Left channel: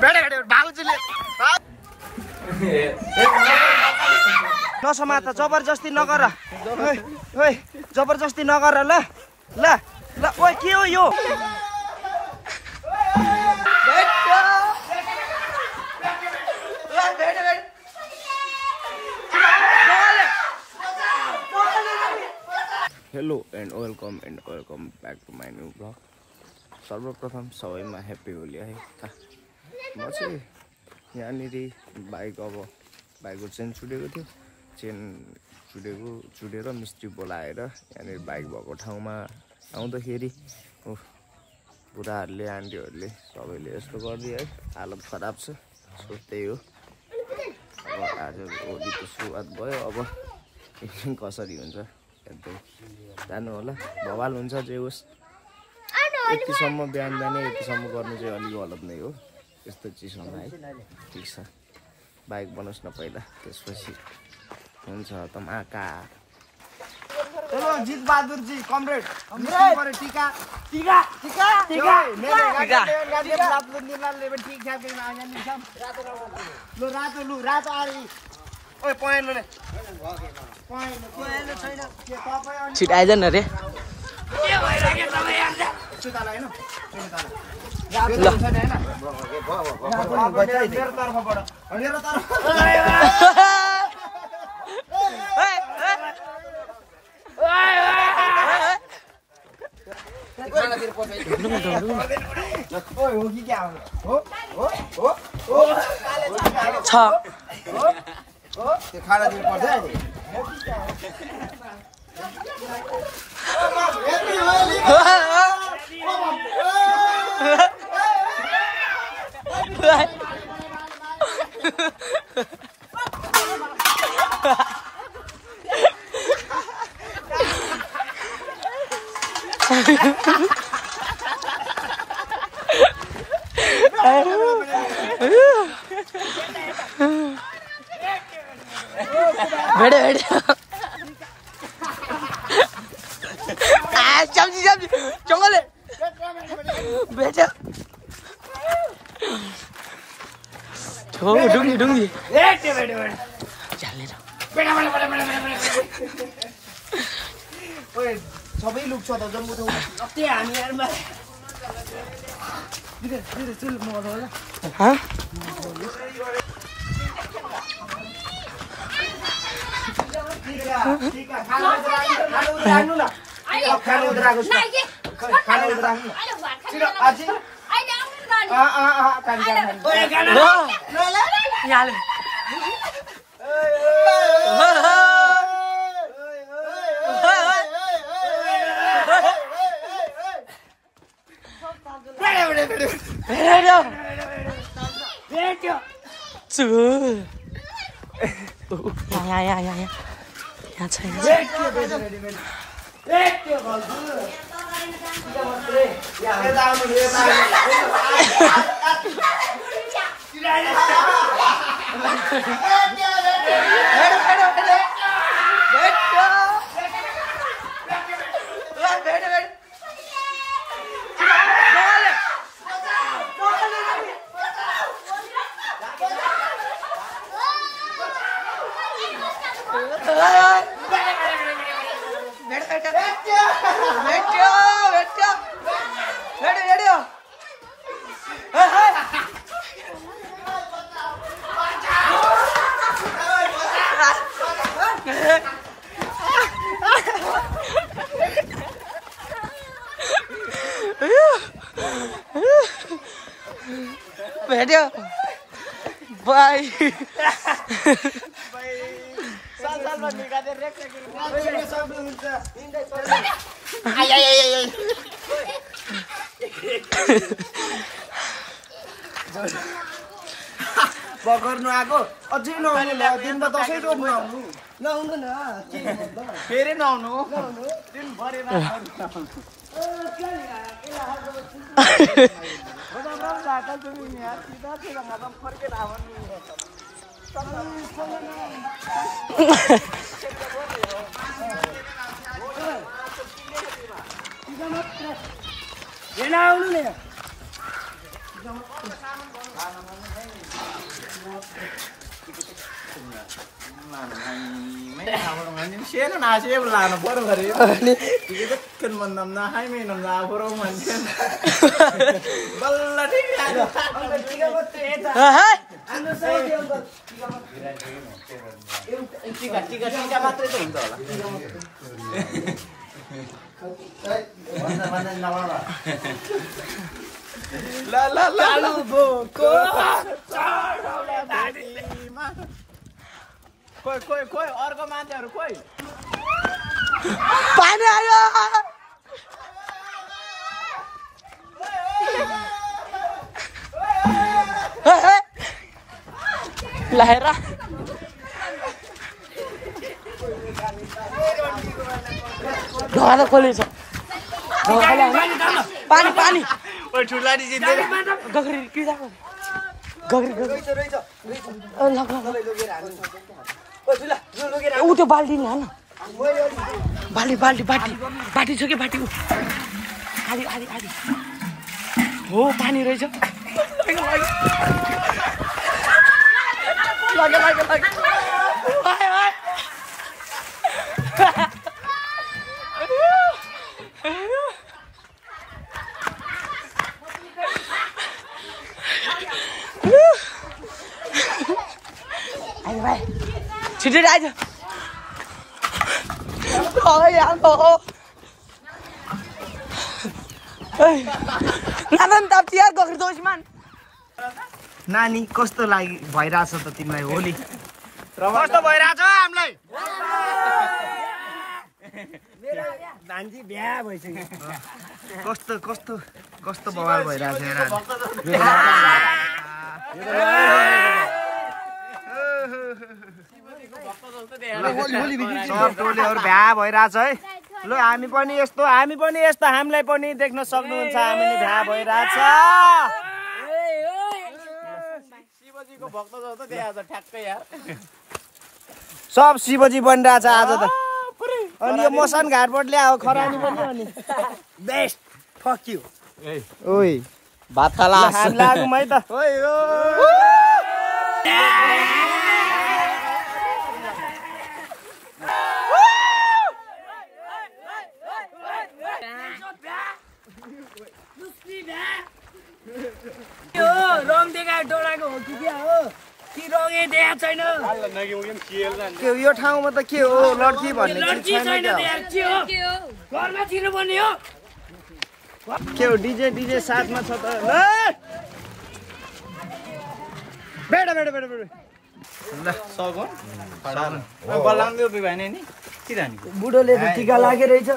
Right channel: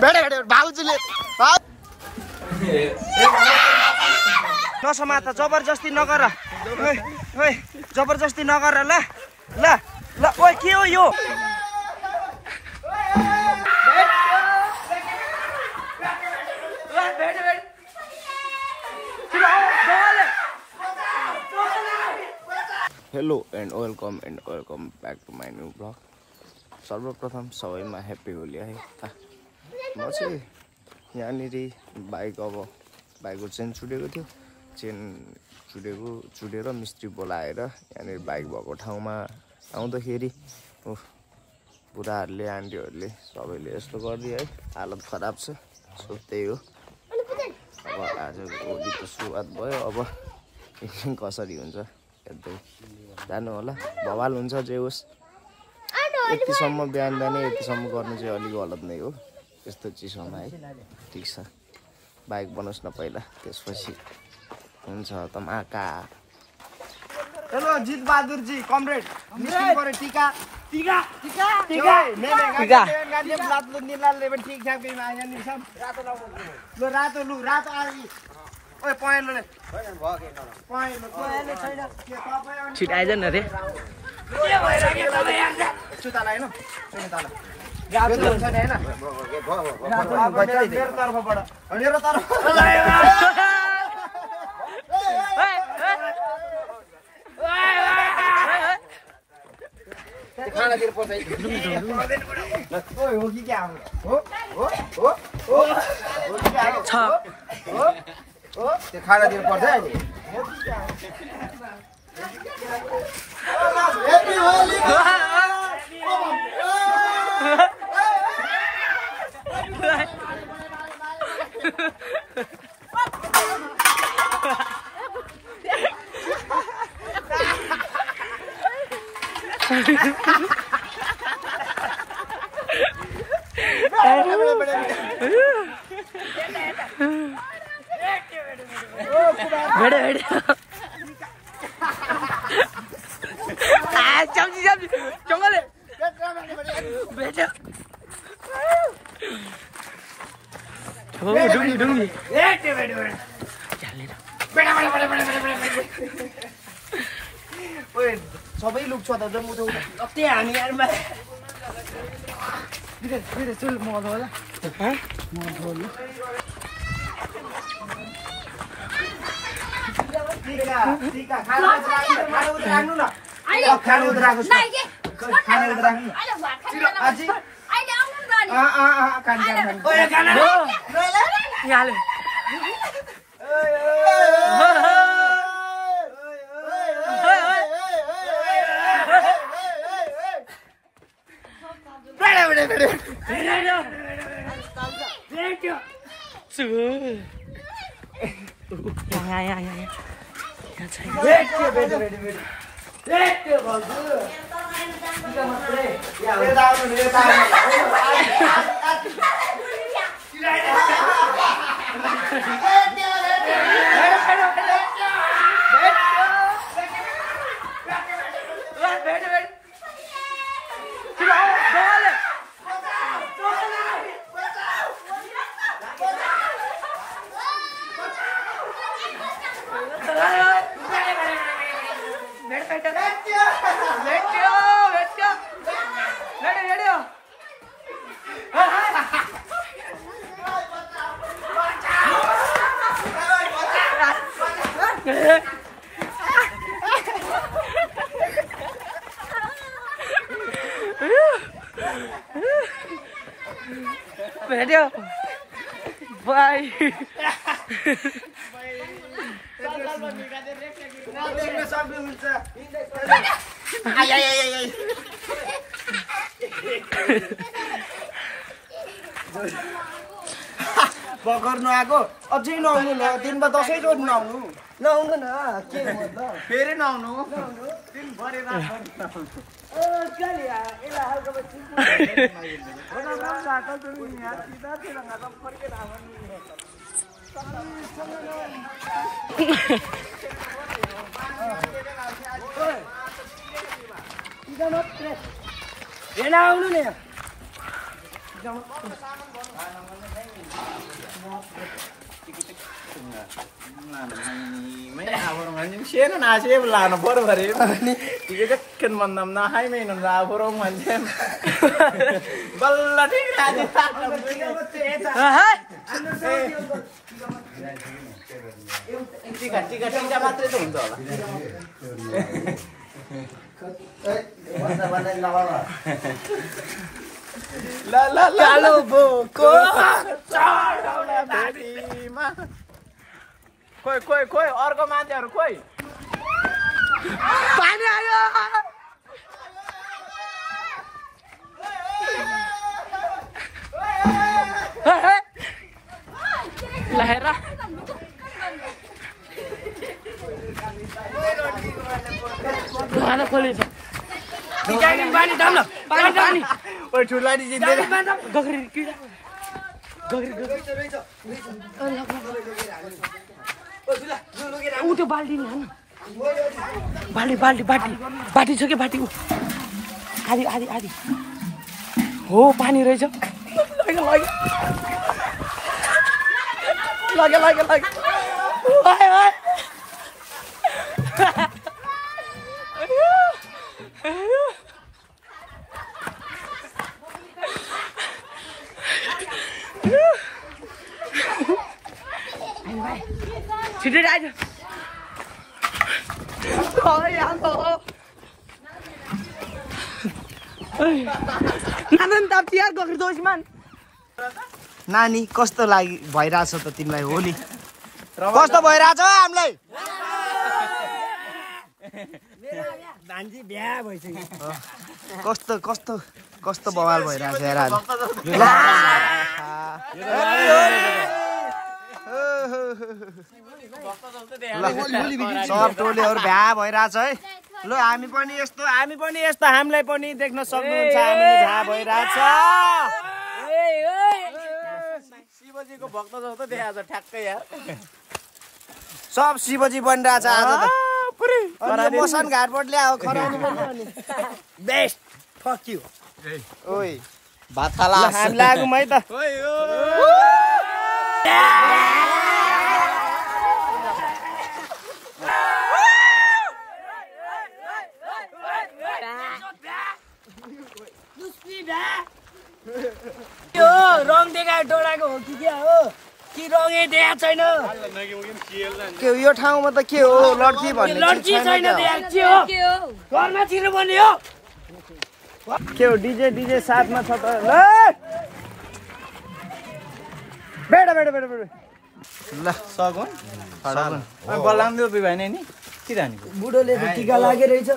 भेटे भाउजूले नसमात जबरजस्ती नगर ओइ जबरजस्ती नगर ल ल ल ओइ के हो यो hello and welcome back to my new blog. सर्वप्रथम सबैमा ह्याप्पी होली है। म चाहिँ यहाँनिर बाइकको चेन छुटेको थियो। चेन छुटेर मिस्त्री बोलाएर यहाँनिर बाइक भएको ठाउँमा आउँदाखेरि बुढाहरूले आन्टीहरूले सबैले यस्तो गरिदियो है। हालत खराब छ। सो त्यही हो। अब आज होलीको सुरुवात भयो। अब एकछिन कसरी हुन्छ हेर्दै जानु होला। भवाल हुन्छ जे होस्। यतिसम्म बिहान यतिसम्म गर्नु चाहिँ अलिक गलत नै हो। यस्तो चिसोमा है। ठिक छ बाइक बनाउस् न पहिला त्यसपछि हुन्छ तमाका। चलो जित बहादुर जी कमरेड निस्किनु पर्यो। टीका टीका टीका टीका गाडी रातो निलालले पनि ठीक ठाक गरिमा आएन नि सब लु रातो आइ ओए पहेँलो ले पहेँलो छिट आइजन रे सुताला हैन सुताला गाडी हुन्छ नि हैन मेरो तर्फबाट मेरो तर्फ खाना दिएर पछाइ ओइ हो कि क्या हो छ हो त्यो खाना दिएर पर्छ है हो कि क्या हेप्पी होली भेड़े सब्जी जंगले बेटा डुंगी सबै लुक्छ त जम्मु त अति हामी यारमा बिरे चल म होला ह ठीक है खाना राख्नु ल खाना राख्नु खाना राख्नु आज अहिले आउनु गाडी खाना हो याले भेट्यो बाई बगर्नु आएको अझै नआउनु ल दिनमा 10 रोज नआउनु नआउनु न के भन्दा फेरि नआउनु दिन भरे रात चल यार एला हल्का बच्ची बड़ा बड़ा आता तुम यहाँ सीधा से लगा तुम फर के नावन सीधा मत ये ना आउनु ने Siapa nasi belah no baru hari ini kita kan mandam na hai main na baru mandam baladi ada Kalau buku Koi, अर्को मान्छेहरु खोइ पानी आयो लहरा ढाला खोलेछ पानी पानी ओइ ठुलाडी जित्दै गगरी किरा गगरी ऊ त्यो बाल्टी नि हान बाल्टी छ के बाटी आधी हो पानी रहेछ लगे छिटै आइज नानी कस्तो भइरहेछ त तिमीलाई होली कस्तो भइरहेछ हामीलाई भान्जी बिहा भइसक्यो कस्तो बवाल भइरहेछ यार सब टोलीहरु भ्या भइरहेछ है ल हामी पनि यस्तो हामीलाई पनि देख्न सक्नुहुन्छ हामी नि भ्या भइरहेछ शिवजीको भक्त जौ त त्यहाँ आज ठ्याक्कै यार सब शिवजी बनिरहेछ आज त अनि मोसन घाटबाट ल्याओ खरानी पनि बेस्ट फक यु ओइ भात खाला हामी लागौँ है त ओइ ओ रङ देखाएर डोराएको हो कि क्या हो कि रङै देखाएको छैन यो ठाउँमा त के हो लड्की भन्ने छैन के हो डीजे साथमा छ त ल बेड ल सगुन बलाङ दियो बिभाने नि के जाने बुढोले टीका लागेर रहेछ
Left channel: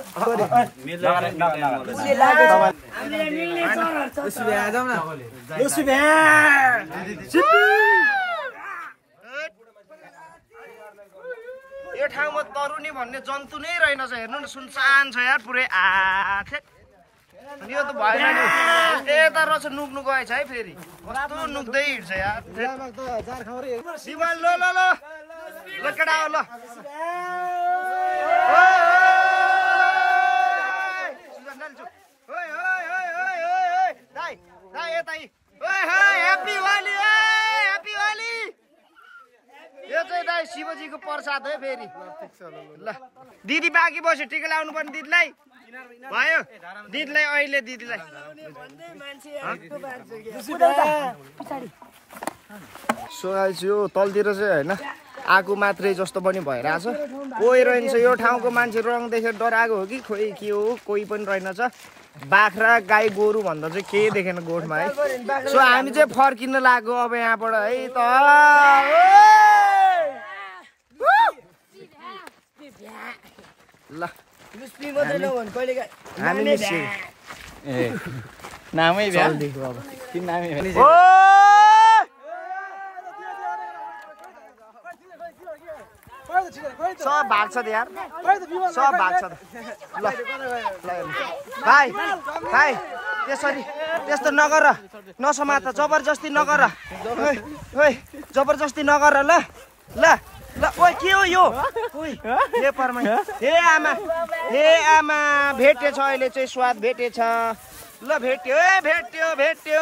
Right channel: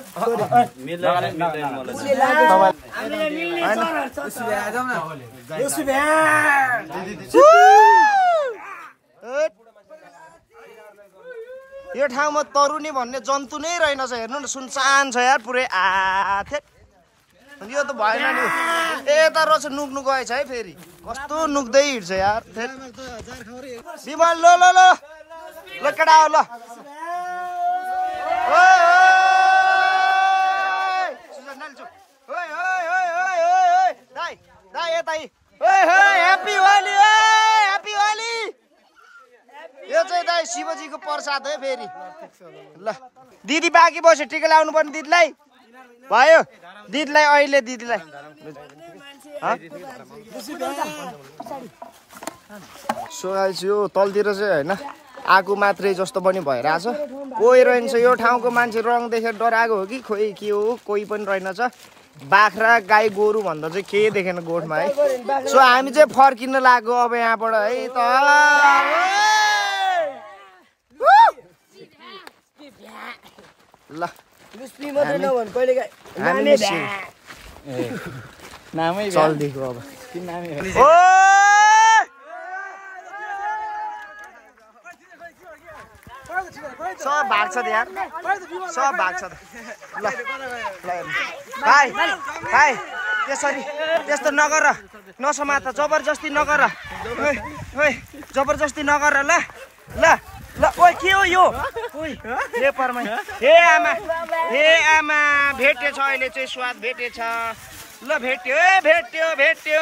यो ठाउँमा तरुनी भन्ने जन्तु नै रहेनछ हेर्नु न सुनसान छ यार पुरै यो त भएन नि यता रहेछ नुक्नु गएछ है फेरि कस्तो नुक्दै हिँड्छ यार शिवल ल केटा हो ल ह्याप्पी होली यो चाहिँ दाइ शिवजीको प्रसाद है फेरि ल दिदी बाँकी बस्यो टिका लाउनु पर्ने दिदीलाई भयो दिदीलाई अहिले दिदीलाई सो गाइस यो तलतिर चाहिँ होइन आगो मात्रै जस्तो पनि भइरहेछ कोही रहन्छ यो ठाउँको मान्छे रङ देखेर डराएको हो कि खोइ के हो कोही पनि रहेनछ बाख्रा गाई गोरु भन्दा चाहिँ केही देखेन गोठमा है सो हामी चाहिँ फर्किन लाग्यो अब यहाँबाट है त ल हामी निस्क्यौँ नामै चल्दिएको अब सब भाग्छ त यार सब भाग्छ त ल भाइ त्यसरी त्यस्तो नगर नसमात जबरजस्ती नगर जबरजस्ती नगर ल ओइ के हो यो ओइ हे परमै हे आमा भेटेछ अहिले चाहिँ स्वाद भेटेछ ल भेट्यो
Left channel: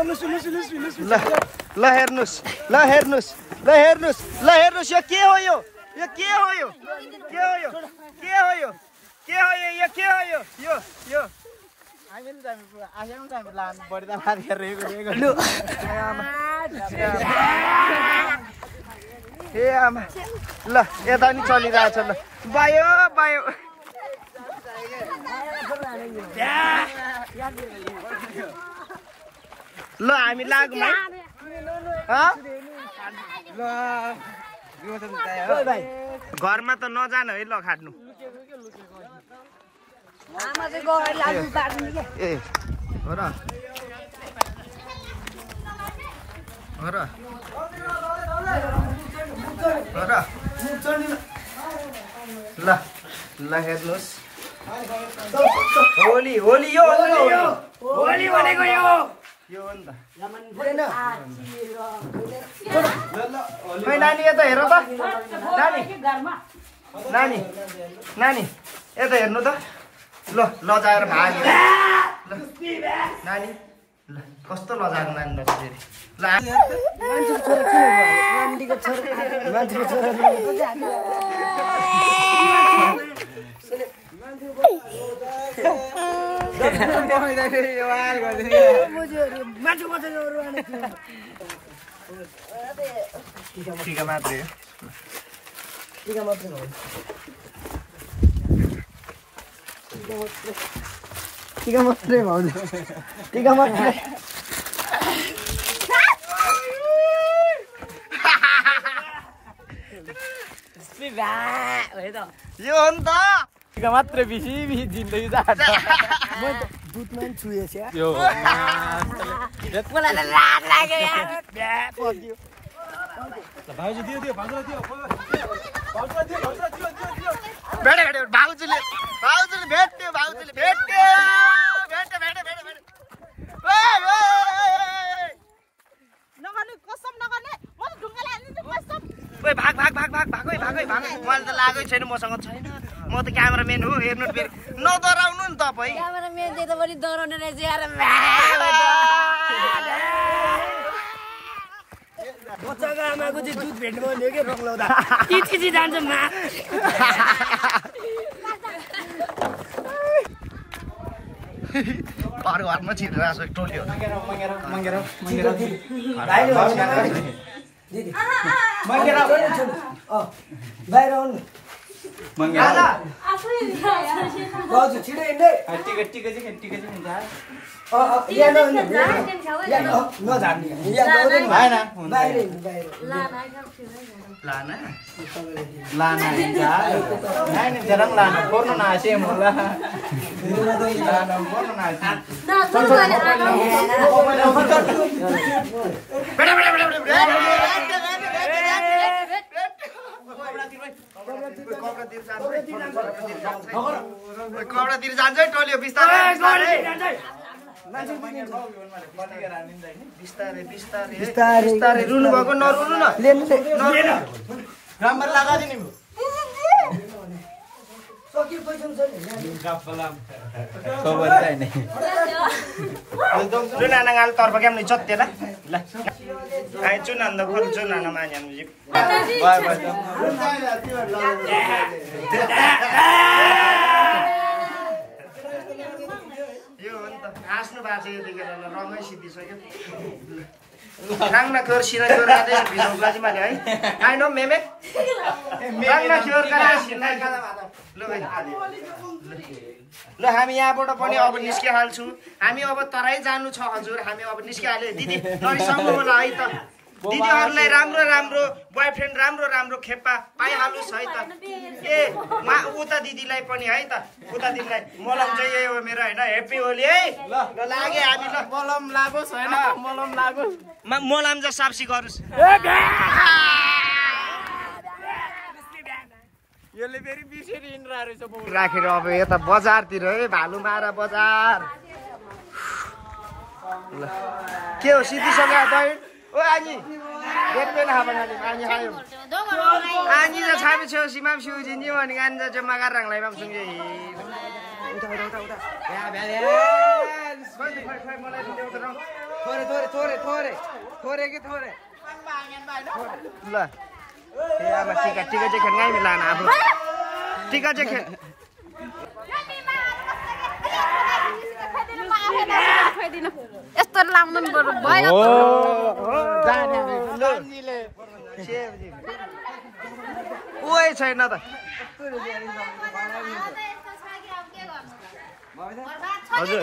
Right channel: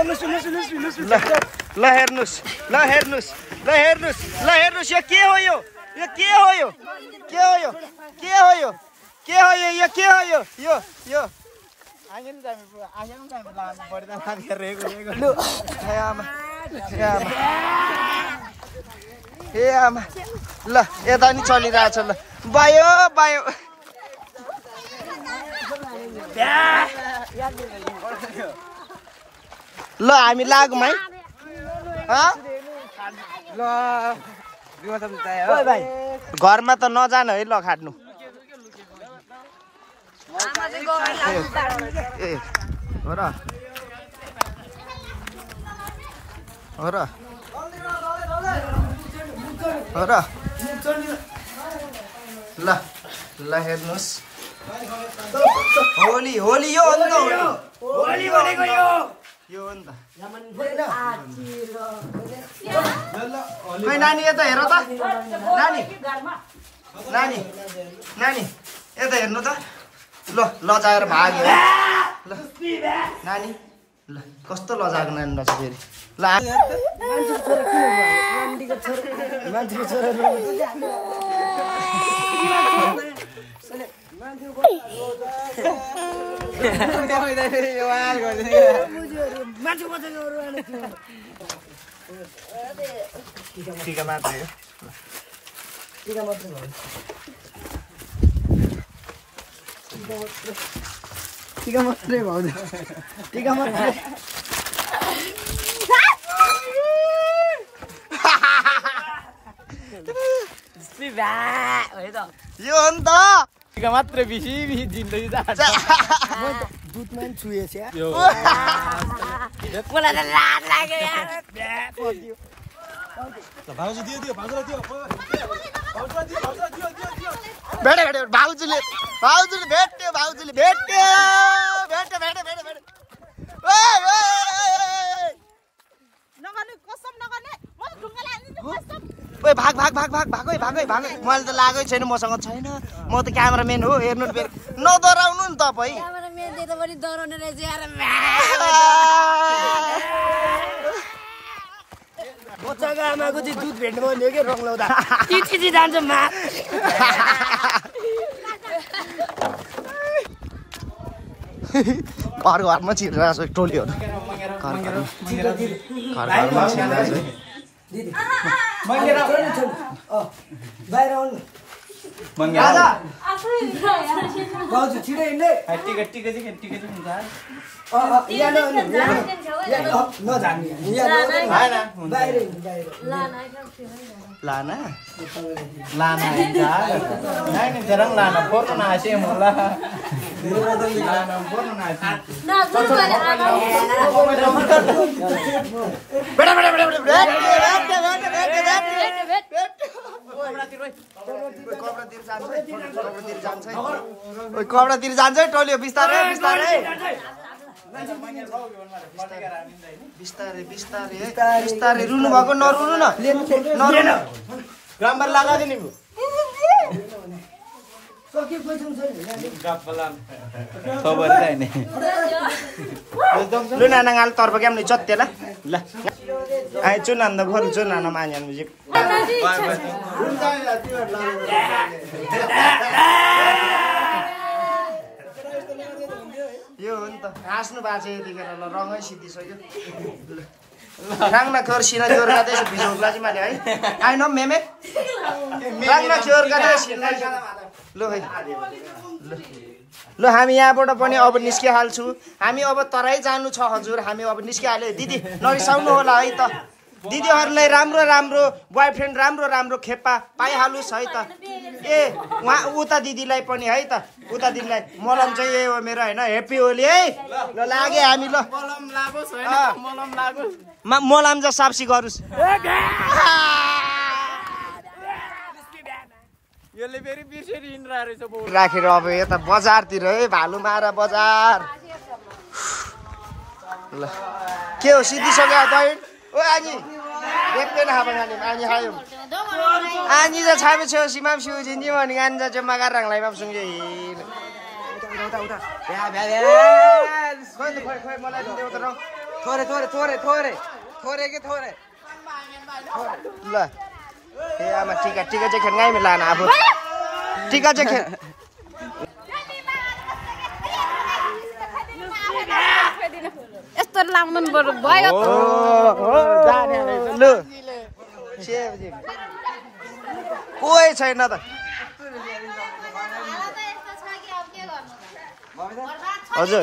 ल हेर्नुस् ल हेर्नुस् ल हेर्नुस् ल हेर्नुस् यो के हो यो यो के हो यो के हो यो के हो यो के हो यो यो के हो यो यो यो ए आमा ल यता नि चलिरहेछ ल बायो बायो ल हामी लागौँ है घरमा त नजानु है ल खाट्नु ए हो र हो र हो र ल ल हेर्नुहोस् होली होली यो हो नि त होली भनेको यो हो नि त खोइ नानी यता हेर त नानी नानी नानी यता हेर्नु त ल लजाएर भाग्यो ल नानी ल कस्तो लजाएको नानी रहेछ फेरि ल टीका मात्रै टीका मात्रै भयो टीका मात्रै भयो टीका मात्रै यो हो नि त टीका मात्रै बिसी बिसी जिन्दगी जान्छ म त दुधमा पनि छुएछ मलाई त लाज लाग्यो यार पग्यो भेटे भेटे भाउजूले भाउजूले भेट्यो भाउजूले भेट्यो भेट्यो भेट्यो भेट्यो भेट्यो नगर्नु कसम नगर्ने म त ढुङ्गाले हाल्दिन्छु कसम ओए भाग भाग भाग भाग भागै भागै भागै मैले त लागै छैन मसँग छैन म त क्यामेराम्यान हो हेर्नु फेरि नडराउनु नि तपाईँ क्यामेराम्यान दे त पनि डराउने रहेछ यार बच्चाको आमाको चाहिँ दुध भेट्नु भन्यो कि रङ लाउँदा चिची जान्छ मा घर घरमा छिरेर टोल्यो टिका टिका चाहिँ टिका चाहिँ हुन्छ लाना लाना नहीं जरंग लाना फोर्न ना आशे मोला लाना फोर्न ना आशे ना सुरु गरे बेटा बेटा बेटा कपडातिर जान्छ टोल्यो बिस्तारै बिस्तारै बिस्तारै बिस्तारै बिस्तारै रुनु भएको नरुनु न नम्बर लगा दिने चुनाना गाल तर्फ क्या हमने चत्ते ल ल आइ चुनान द घर चुनाना मान्या म्युजिक बाय बाय यो हो नि त हाँस्नु भएको छ यतिखेर रङै सिद्धिसक्यो राङ्ना क्योर सिना क्योर गादै भिडियो लागि माने है आई नो मेमे राङ्ना क्योर गादै सिना ल भाइ ल हामी यहाँबाट पनि अब निस्किहाल्छु हामी अब तराई जानु छ हजुर हामी अब निस्किहाले दिदी नरिसाउनु होला है त दिदीहरुलाई राम्रो राम्रो बोयफ्रेन्ड राम्रो राम्रो खेप्पा पाइहालुस् है त ए उता दिदीलाई पनि है त उता दिदीलाई मलम चाहिँ यही हो मेरो हैन ह्यापी होली है ल लागे हामी ल मलम लागोस् हैन मलम लागोस् मलम ज साप्सी गरुस् यसले फेरि बिर्सेर हिँड्रा रहेछ राखेर अब यता बजारतिर है भालुमारा बजार ल के हो सिद्धिसक्यो बहिनी ओ आनी देखबे ना हाबा गानी आनी हायो आनी जा छाबे छौ सिमाम सिउ जिन्जी भनि गानी जा जम्मा गरेर रांलाई बाप सुंगे खोइ मलाई देउ त थोरै थोरै थोरै थोरै थोरै के थोरै ल ए आमा टिका टिका चाहिँ खेल गाई लान आफू टिका चाहिँ खेल यस्तो लाउनु बरु भयो ल कोही छैन त हजुर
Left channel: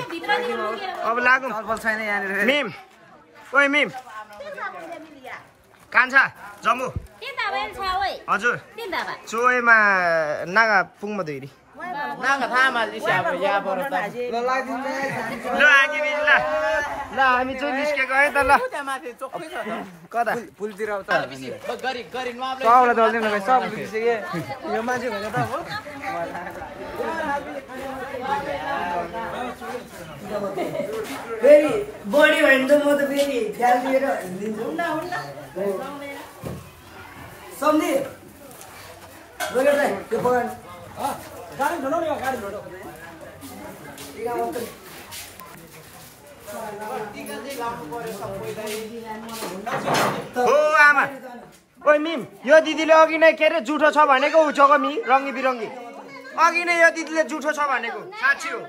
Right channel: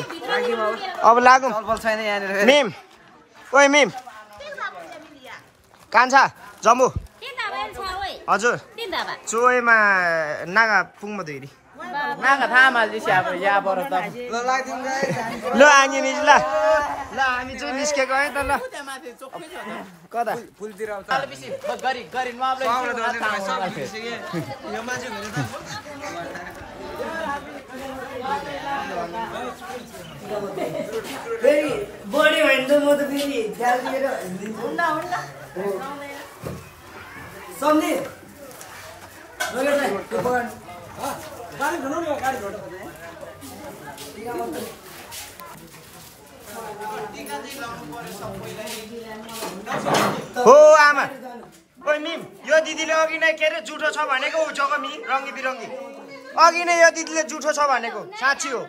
अब लागौँ छैन यहाँनिर मिम ओइ मिम कान्छा जम्बु हजुर चोइमा नागा पुङमा धुइरी ल आनी नि ल ल हामी चाहिँ निस्केको है त ल कता फेरि बढी भयो भने त म त फेरि ख्याल दिएर हिँडिदिन्छु सम्झे त्यो पकाउनु हो आमा ओइ मिम यो दिदीले अघि नै के अरे जुठो छ भनेको उछोको मि रङ्गी बिरङ्गी अघि नै यो दिदीले जुठो छ भनेको साँच्ची हो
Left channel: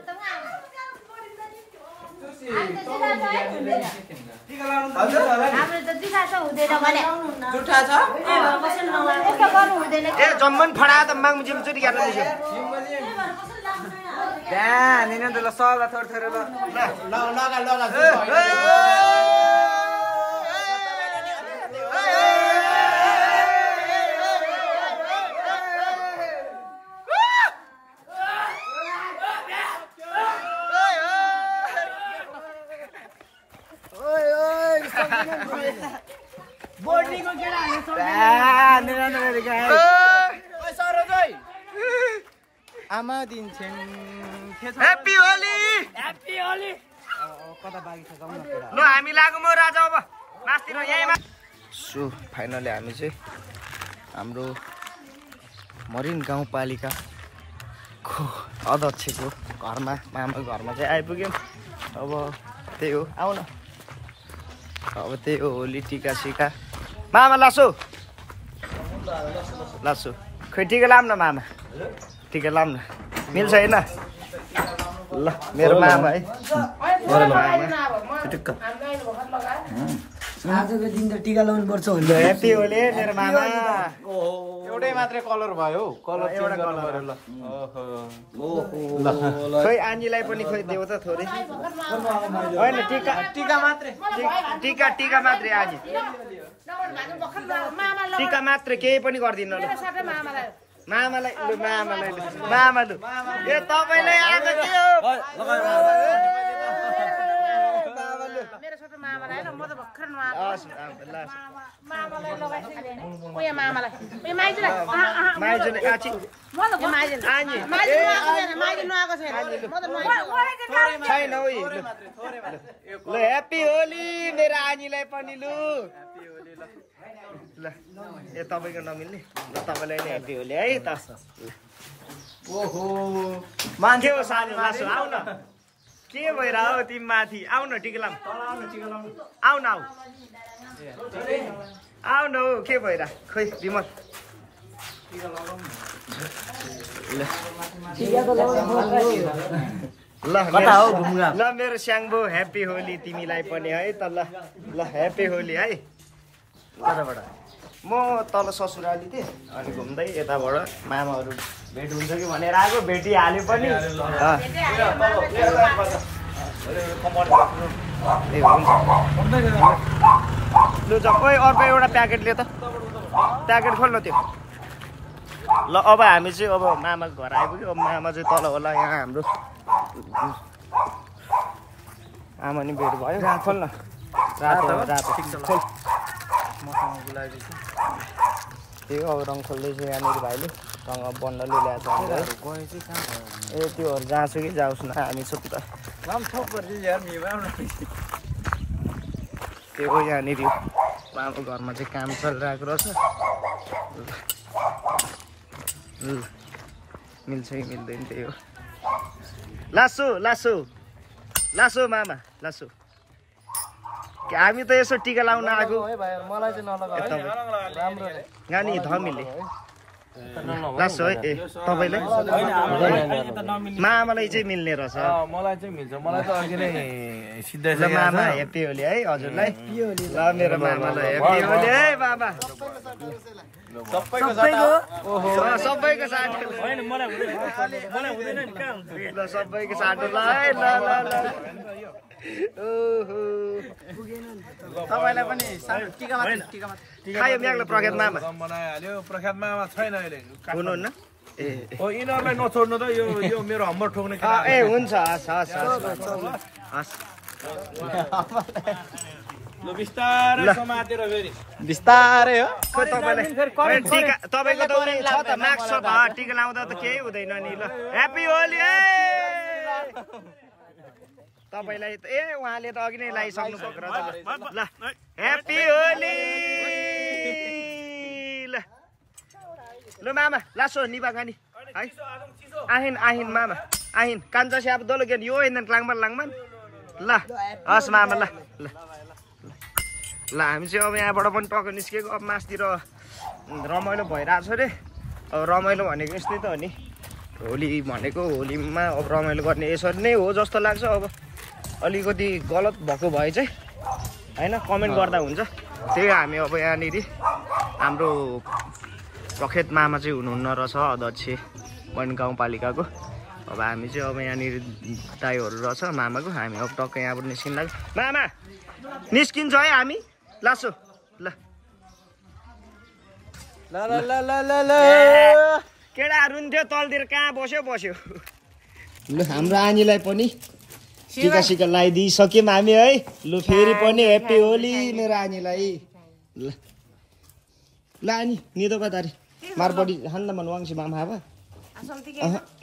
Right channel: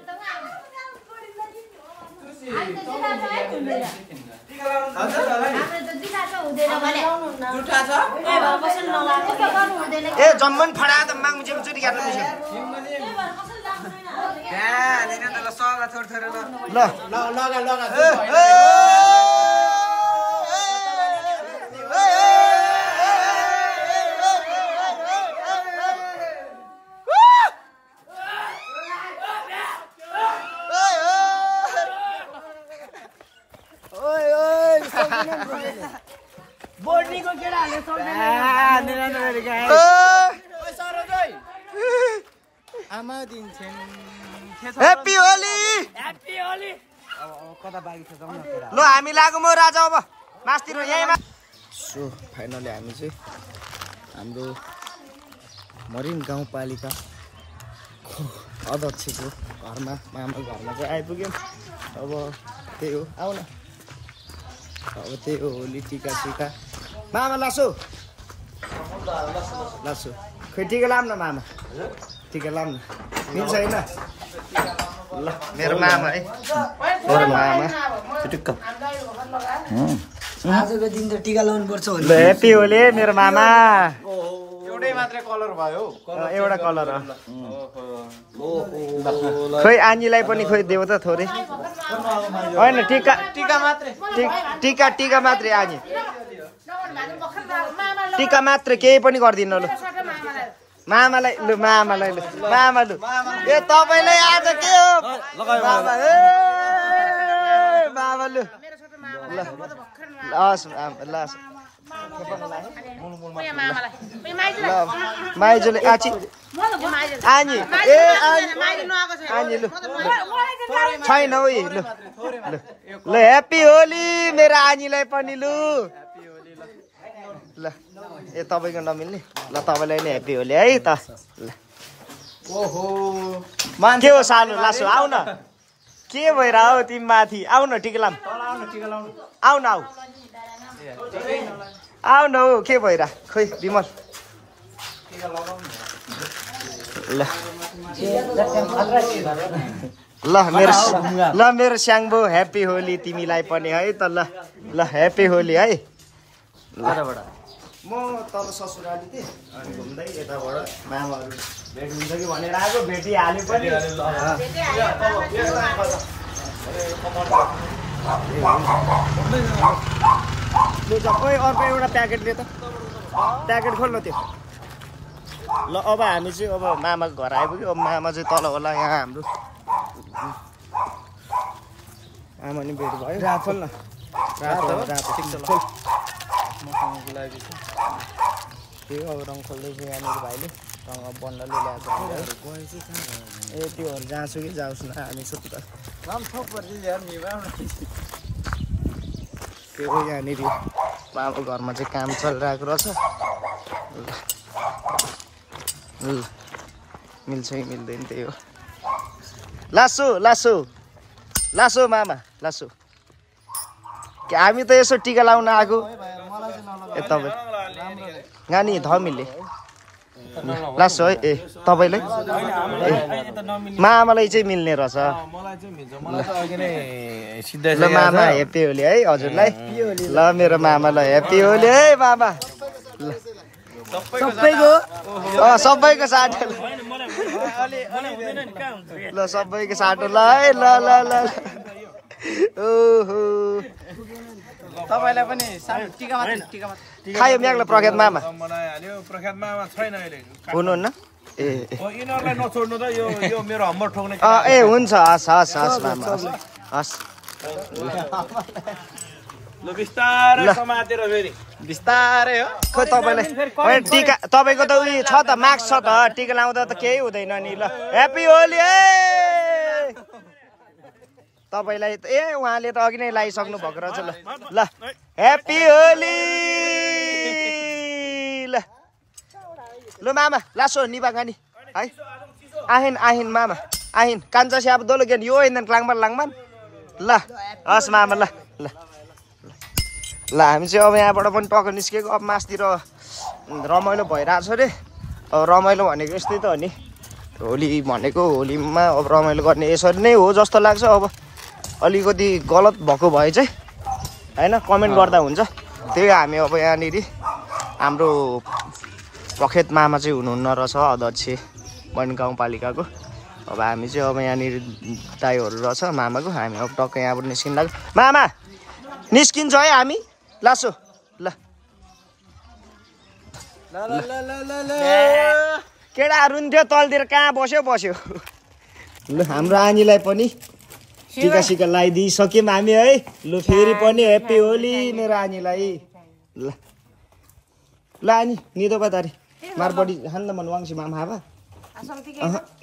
ए जम्मन फडा त माग मुझे चोटी काट्नु मुझे बोर्डिङको केटाहरूले आमा दिन्छन् ह्याप्पी होली ल हामी लागौँ म राजा अब मास्तिर यहीँमा सो फाइनली हामी चाहिँ हाम्रो मरिन गाउँपालिकाको अध्यक्षको घरमा मामाको घरमा चाहिँ आइपुग्यौँ अब त्यही हो आऊ न अब त्यही हो होली टिका सिका मामा लासो लासो खै टिका लाम न मामा टिका लाम न मिल्छ होइन ल मेरो मामा है मेरो मामा आजको दिन त टिका लाउनु पर्छ ल ह्याप्पी होली मेरो मामा एउटै मात्रै कलर भयो एउटा कलर खोइ आनीलाई पनि खोइ देऊ त थोरै होइन टिका टिका मात्रै टिका टिका मात्रै आनी टिका मात्रै केही पनि गर्दिन ल मामालाई लु मामालाई लु मामा लु ए तपाईँलाई आज के हो मामा लु हस् लास माइजूले आची आनी ए आनी लु छैन है लु ल ह्याप्पी होली मेरो आनीलाई पनि लु ल ए तपाईँको नमिल्ने ल तपाईँलाई नि ह्याप्पी होली है त ल ओहो के हो सानो लासो आऊ न के भइरह हो तिमी माथि आऊ न टिका लाम आऊ न आऊ आऊ न हौ के भइरह खोइ विमल ल ल मेरो स्याङ्बो ह्याप्पी होली तिमीलाई पनि है त ल ल ह्याप्पी होली है म तल ससुराली थिएँ अनि घुम्दै यताबाट मामाहरू भेट हुन्छ कि भनेर आएको भेटिहाल्यो पनि ए हुन्छ लु जाऊ ओइ अर्को एउटा प्याकेट लियो त प्याकेट खोल्न त्यो ल अब हामी चाहिँ अब मामाको घर आइपुग्यो अब मामा चाहिँ तल होला यहाँ हाम्रो आमा नि भेट भयो खोल्न रातो रातो खोल मसँग बोलाएको छ त्यही अब रङ खोल्दैछु यहाँनिर भाइले रङ अब बन्नले ल्याएको छ ए त्योहरू जहाँसुकै जाओस् न हामी छुट्टी त त्यो हो यहाँनिर बाबा घरमा चाहिँ काम चलिरहेको रहेछ ल मिल्छ कि मिल्दैन त्यही हो लासो लासो लासो मामा लासो हामी त यसो टिका लाउन आएको मलाई चाहिँ नलगा तपाईँ नानी धमिले लासो है ए तपाईँले मामालाई चाहिँ मिल्ने रहेछ मलाई चाहिँ मिल्छ मलाई त अघि नै सिधै ल मामा ह्याप्पी होली है हजुरलाई ल मेरो मामालाई ह्याप्पी होली है मामा सबैको साटो ल सबैको साटो ल है ल ल ल ओहो तपाईलाई पनि टिका मात्र खायो म्याग्लो प्रख्यात मामा बनाइहाल्यो प्रख्यात मामा छैन अहिले हुनुहुन्न ए यिनीहरूलाई नछोड्नु त यो मेरो हम्बर ठोक्ने ए हुन्छ हस् हस् हस् मामा हस् ल बिस्तारै समातेर फेरि बिस्तारै हो खोइ तपाईँलाई टिका तपाईँको त उयो छ त मार्क्स छ त टिका लाउँदा त केही हुँदैन नि ल ह्याप्पी होली है तपाईँलाई ए उहाँले त अघि नै लगाइसक्नु भएको रहेछ ल ल ह्याप्पी होली ल ल मामा लासो निभा गानी है आहिन आहिन मामा आहिन कान्छा स्याप दोलो गेन यो इन्धन लाङमान ल हस् मामा ल ल ल हामी चाहिँ अब यहाँबाट पनि टक्क निस्केको अब मासतिर रमाइलो भइरहेको छ अरे अब रमाइलो भनेको यस्तै त हो नि होली भनेको होलीमा अब रमाइलो गर्ने यसरी नै हो जस्तो लाग्छ अब अलिकति गलत भएको भए चाहिँ होइन कमेन्ट गर्दा हुन्छ त्यही हामी अब यहाँनिर हाम्रो प्रख्यात मामा चाहिँ हुनुहुन्न रहेछ अध्यक्ष वन गाउँपालिकाको अब हामी चाहिँ अब यहाँनिर दाइहरू रहेछ मामाको हामी अब टक्क यहाँबाट निस्किन लाग्यो मामा निस्किन्छ है हामी लासो ल केटाहरू थियो तलतिर कहाँ बस्यो ल हाम्रो आनीलाई पनि टिका सिका लगाइदिइसक्यौँ हामी है लु फेरि पनि ह्याप्पी होली मेरो आनीलाई ल ल आनी निदो बतारी मारपडी हान्दा मन वाङ्सी मामा हापा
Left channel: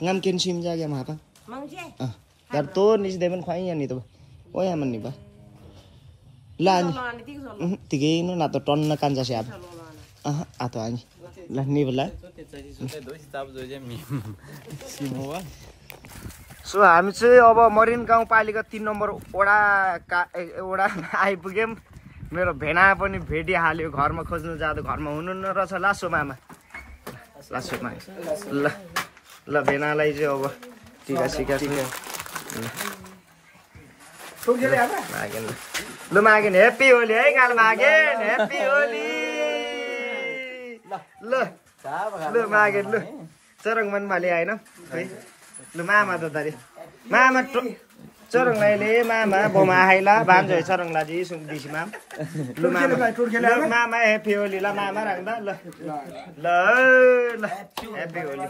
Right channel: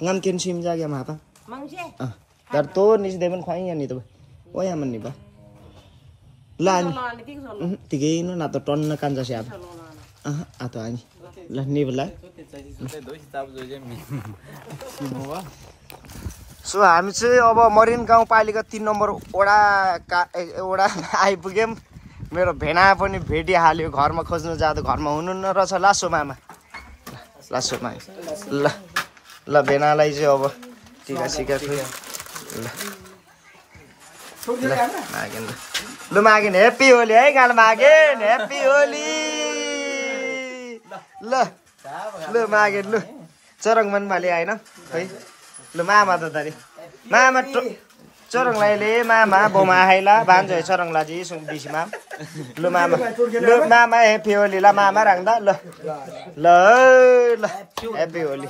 ngam kin sim ra game hapa dar to nis demen khwai yan ni to o ya man ni ba la ni tige no na to ton na kanja siap ato ani la ni bala so हामी चाहिँ अब Marin गाउँपालिका 3 number वडा आइपुग्यौँ मेरो भेना पनि भेटिहाल्यो घरमा खोज्नु जाँदा घरमा हुनुहुन्न रहेछ लासो मामा ल ल भेनालाई चाहिँ अब टिका सिका खोइ ल मागेन ह्याप्पी होली है गाल मागेन ह्याप्पी होली ल ल मागेन लु चरङ मन भाले हैन खै ल मामा त दारी मामा चरङ लाइले मामा बोमा हाइला भान्जो चरङ लाजी सुङ बिसी माम ल मामा ह्याप्पी होली ल मामा राख्दा ल ल ल ह्याप्पी होली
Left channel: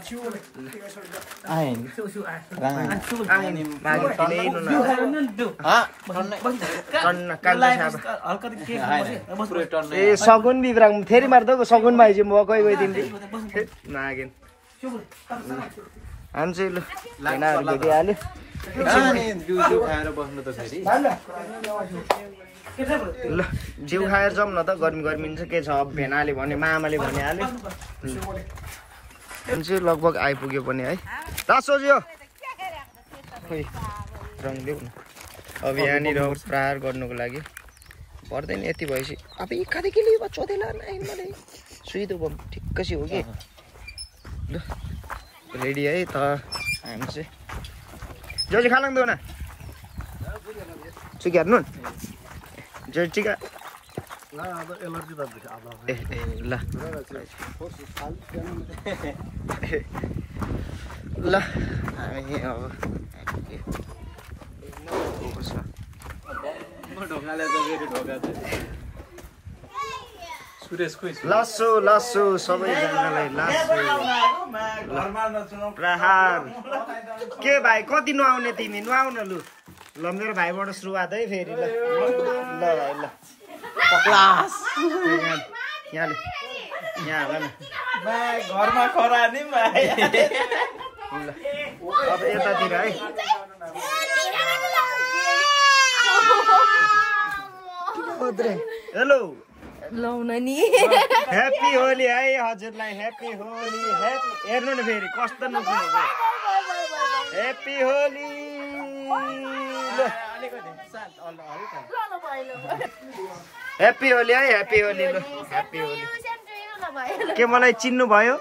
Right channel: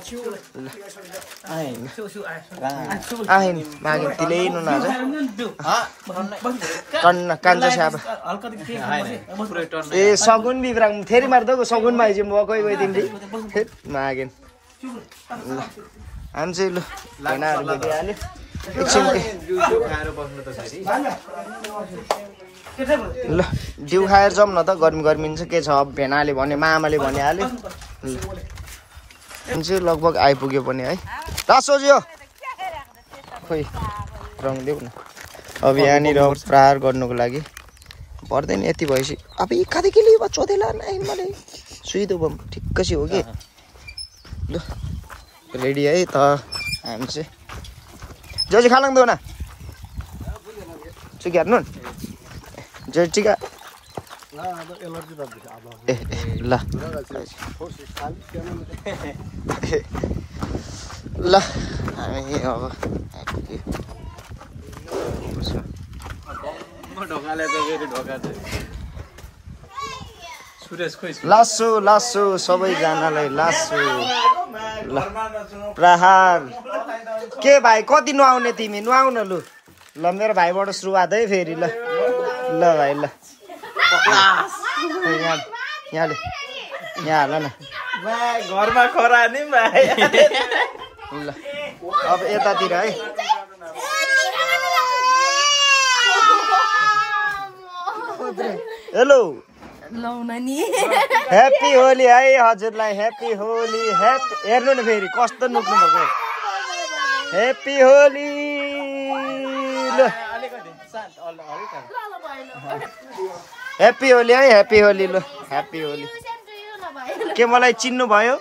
आइन मागे तिले नु न कन्न कान्छ स्याब ए सगुन बिब्राङ फेरि मार्दो सगुन भाइ चाहिँ म गइ तिमीले मागेन हामी चाहिँ ल भेनाहरू भेटिहाल्यो ल डिउ खाएर जाउँ न त गर्मी चाहिँ के छ अब भेनाले भने मामाले भनिहाल्यो चाहिँ लगभग आइपुग्यो पनि है रासोज्यो खोइ रङ देऊ न अब यहाँनिर प्रहार गर्नुको लागि पर्दैन यति भएपछि अब खाँदै के लियो चोदेला नै मलाई सुइदो बम ठिक्कै हो कि ल रेडी है त हामी चाहिँ जो चाहिँ खालाङ दो न चुकी हेर्नु जो टिका ए ल ल हामी अब लासो लासो सबैजनालाई लासो ल प्रहार के भाइ कति नुहाउने तिमी नुहाउ न लु ल मेरो भाइबाट सुरुवात है फेरि ल ल भाइ ल यहाँले यहाँ हाल न घरमा खरा नि भाइ ल अब यतातिर है हेलो ह्याप्पी होली है हजुरलाई ह्याप्पी होली हेर्नु न फेरि कस्तो नुक्नु भएको ह्याप्पी होली ल ह्याप्पी होली है ह्याप्पी होली ल ह्याप्पी होली के मलाई चिन्नु भयो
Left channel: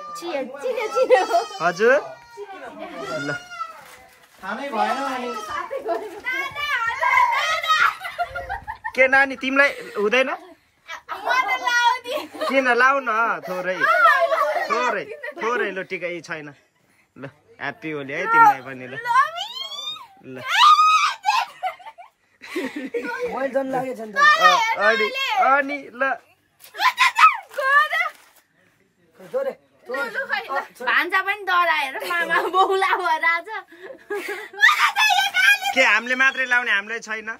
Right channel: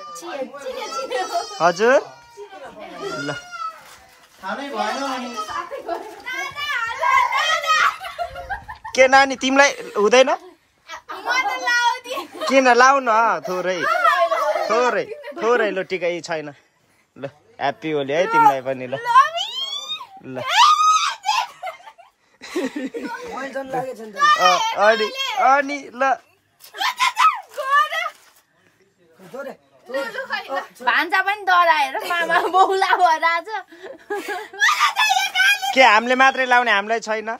हजुर ल के नानी तिमीलाई हुँदैन किन लाउ न थोरै थोरै थोरै ल टिकै छैन ल ह्याप्पी होली है तिमीलाई पनि ल ल अनि ल भान्जा पनि डराएर मामा बौला भएर आज के हामीले मात्रै लाउने हामीलाई छैन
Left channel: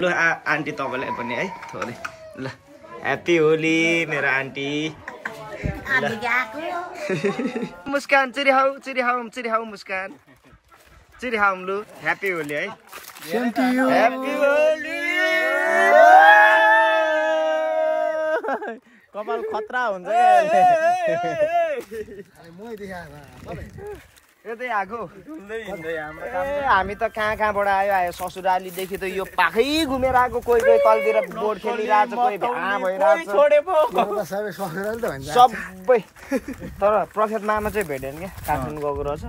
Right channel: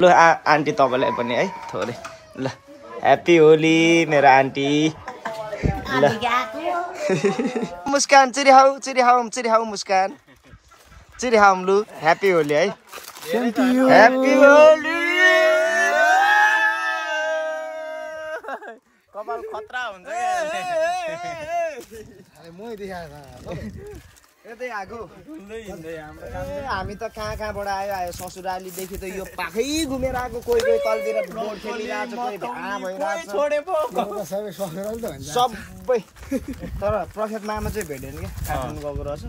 ल आन्टी तपाईँलाई पनि है थोरै ल ह्याप्पी होली मेरो आन्टी ल मुस्कान चिरिहाउ मुस्कान चिरिहाउ लु ह्याप्पी होली है ह्याप्पी होली खतरा हुन्छ यतै आएको हामी त कहाँ कहाँबाट आयो ससुरालीदेखि त यो पाखै घुमेर आएको कोही कोही तलतिर बोर्ड खेलिरहेको छ कोही भ्या भइरहेको सबै तर प्रफेट मामा चाहिँ भेटेन क्या काठमाडौँ गएको रहेछ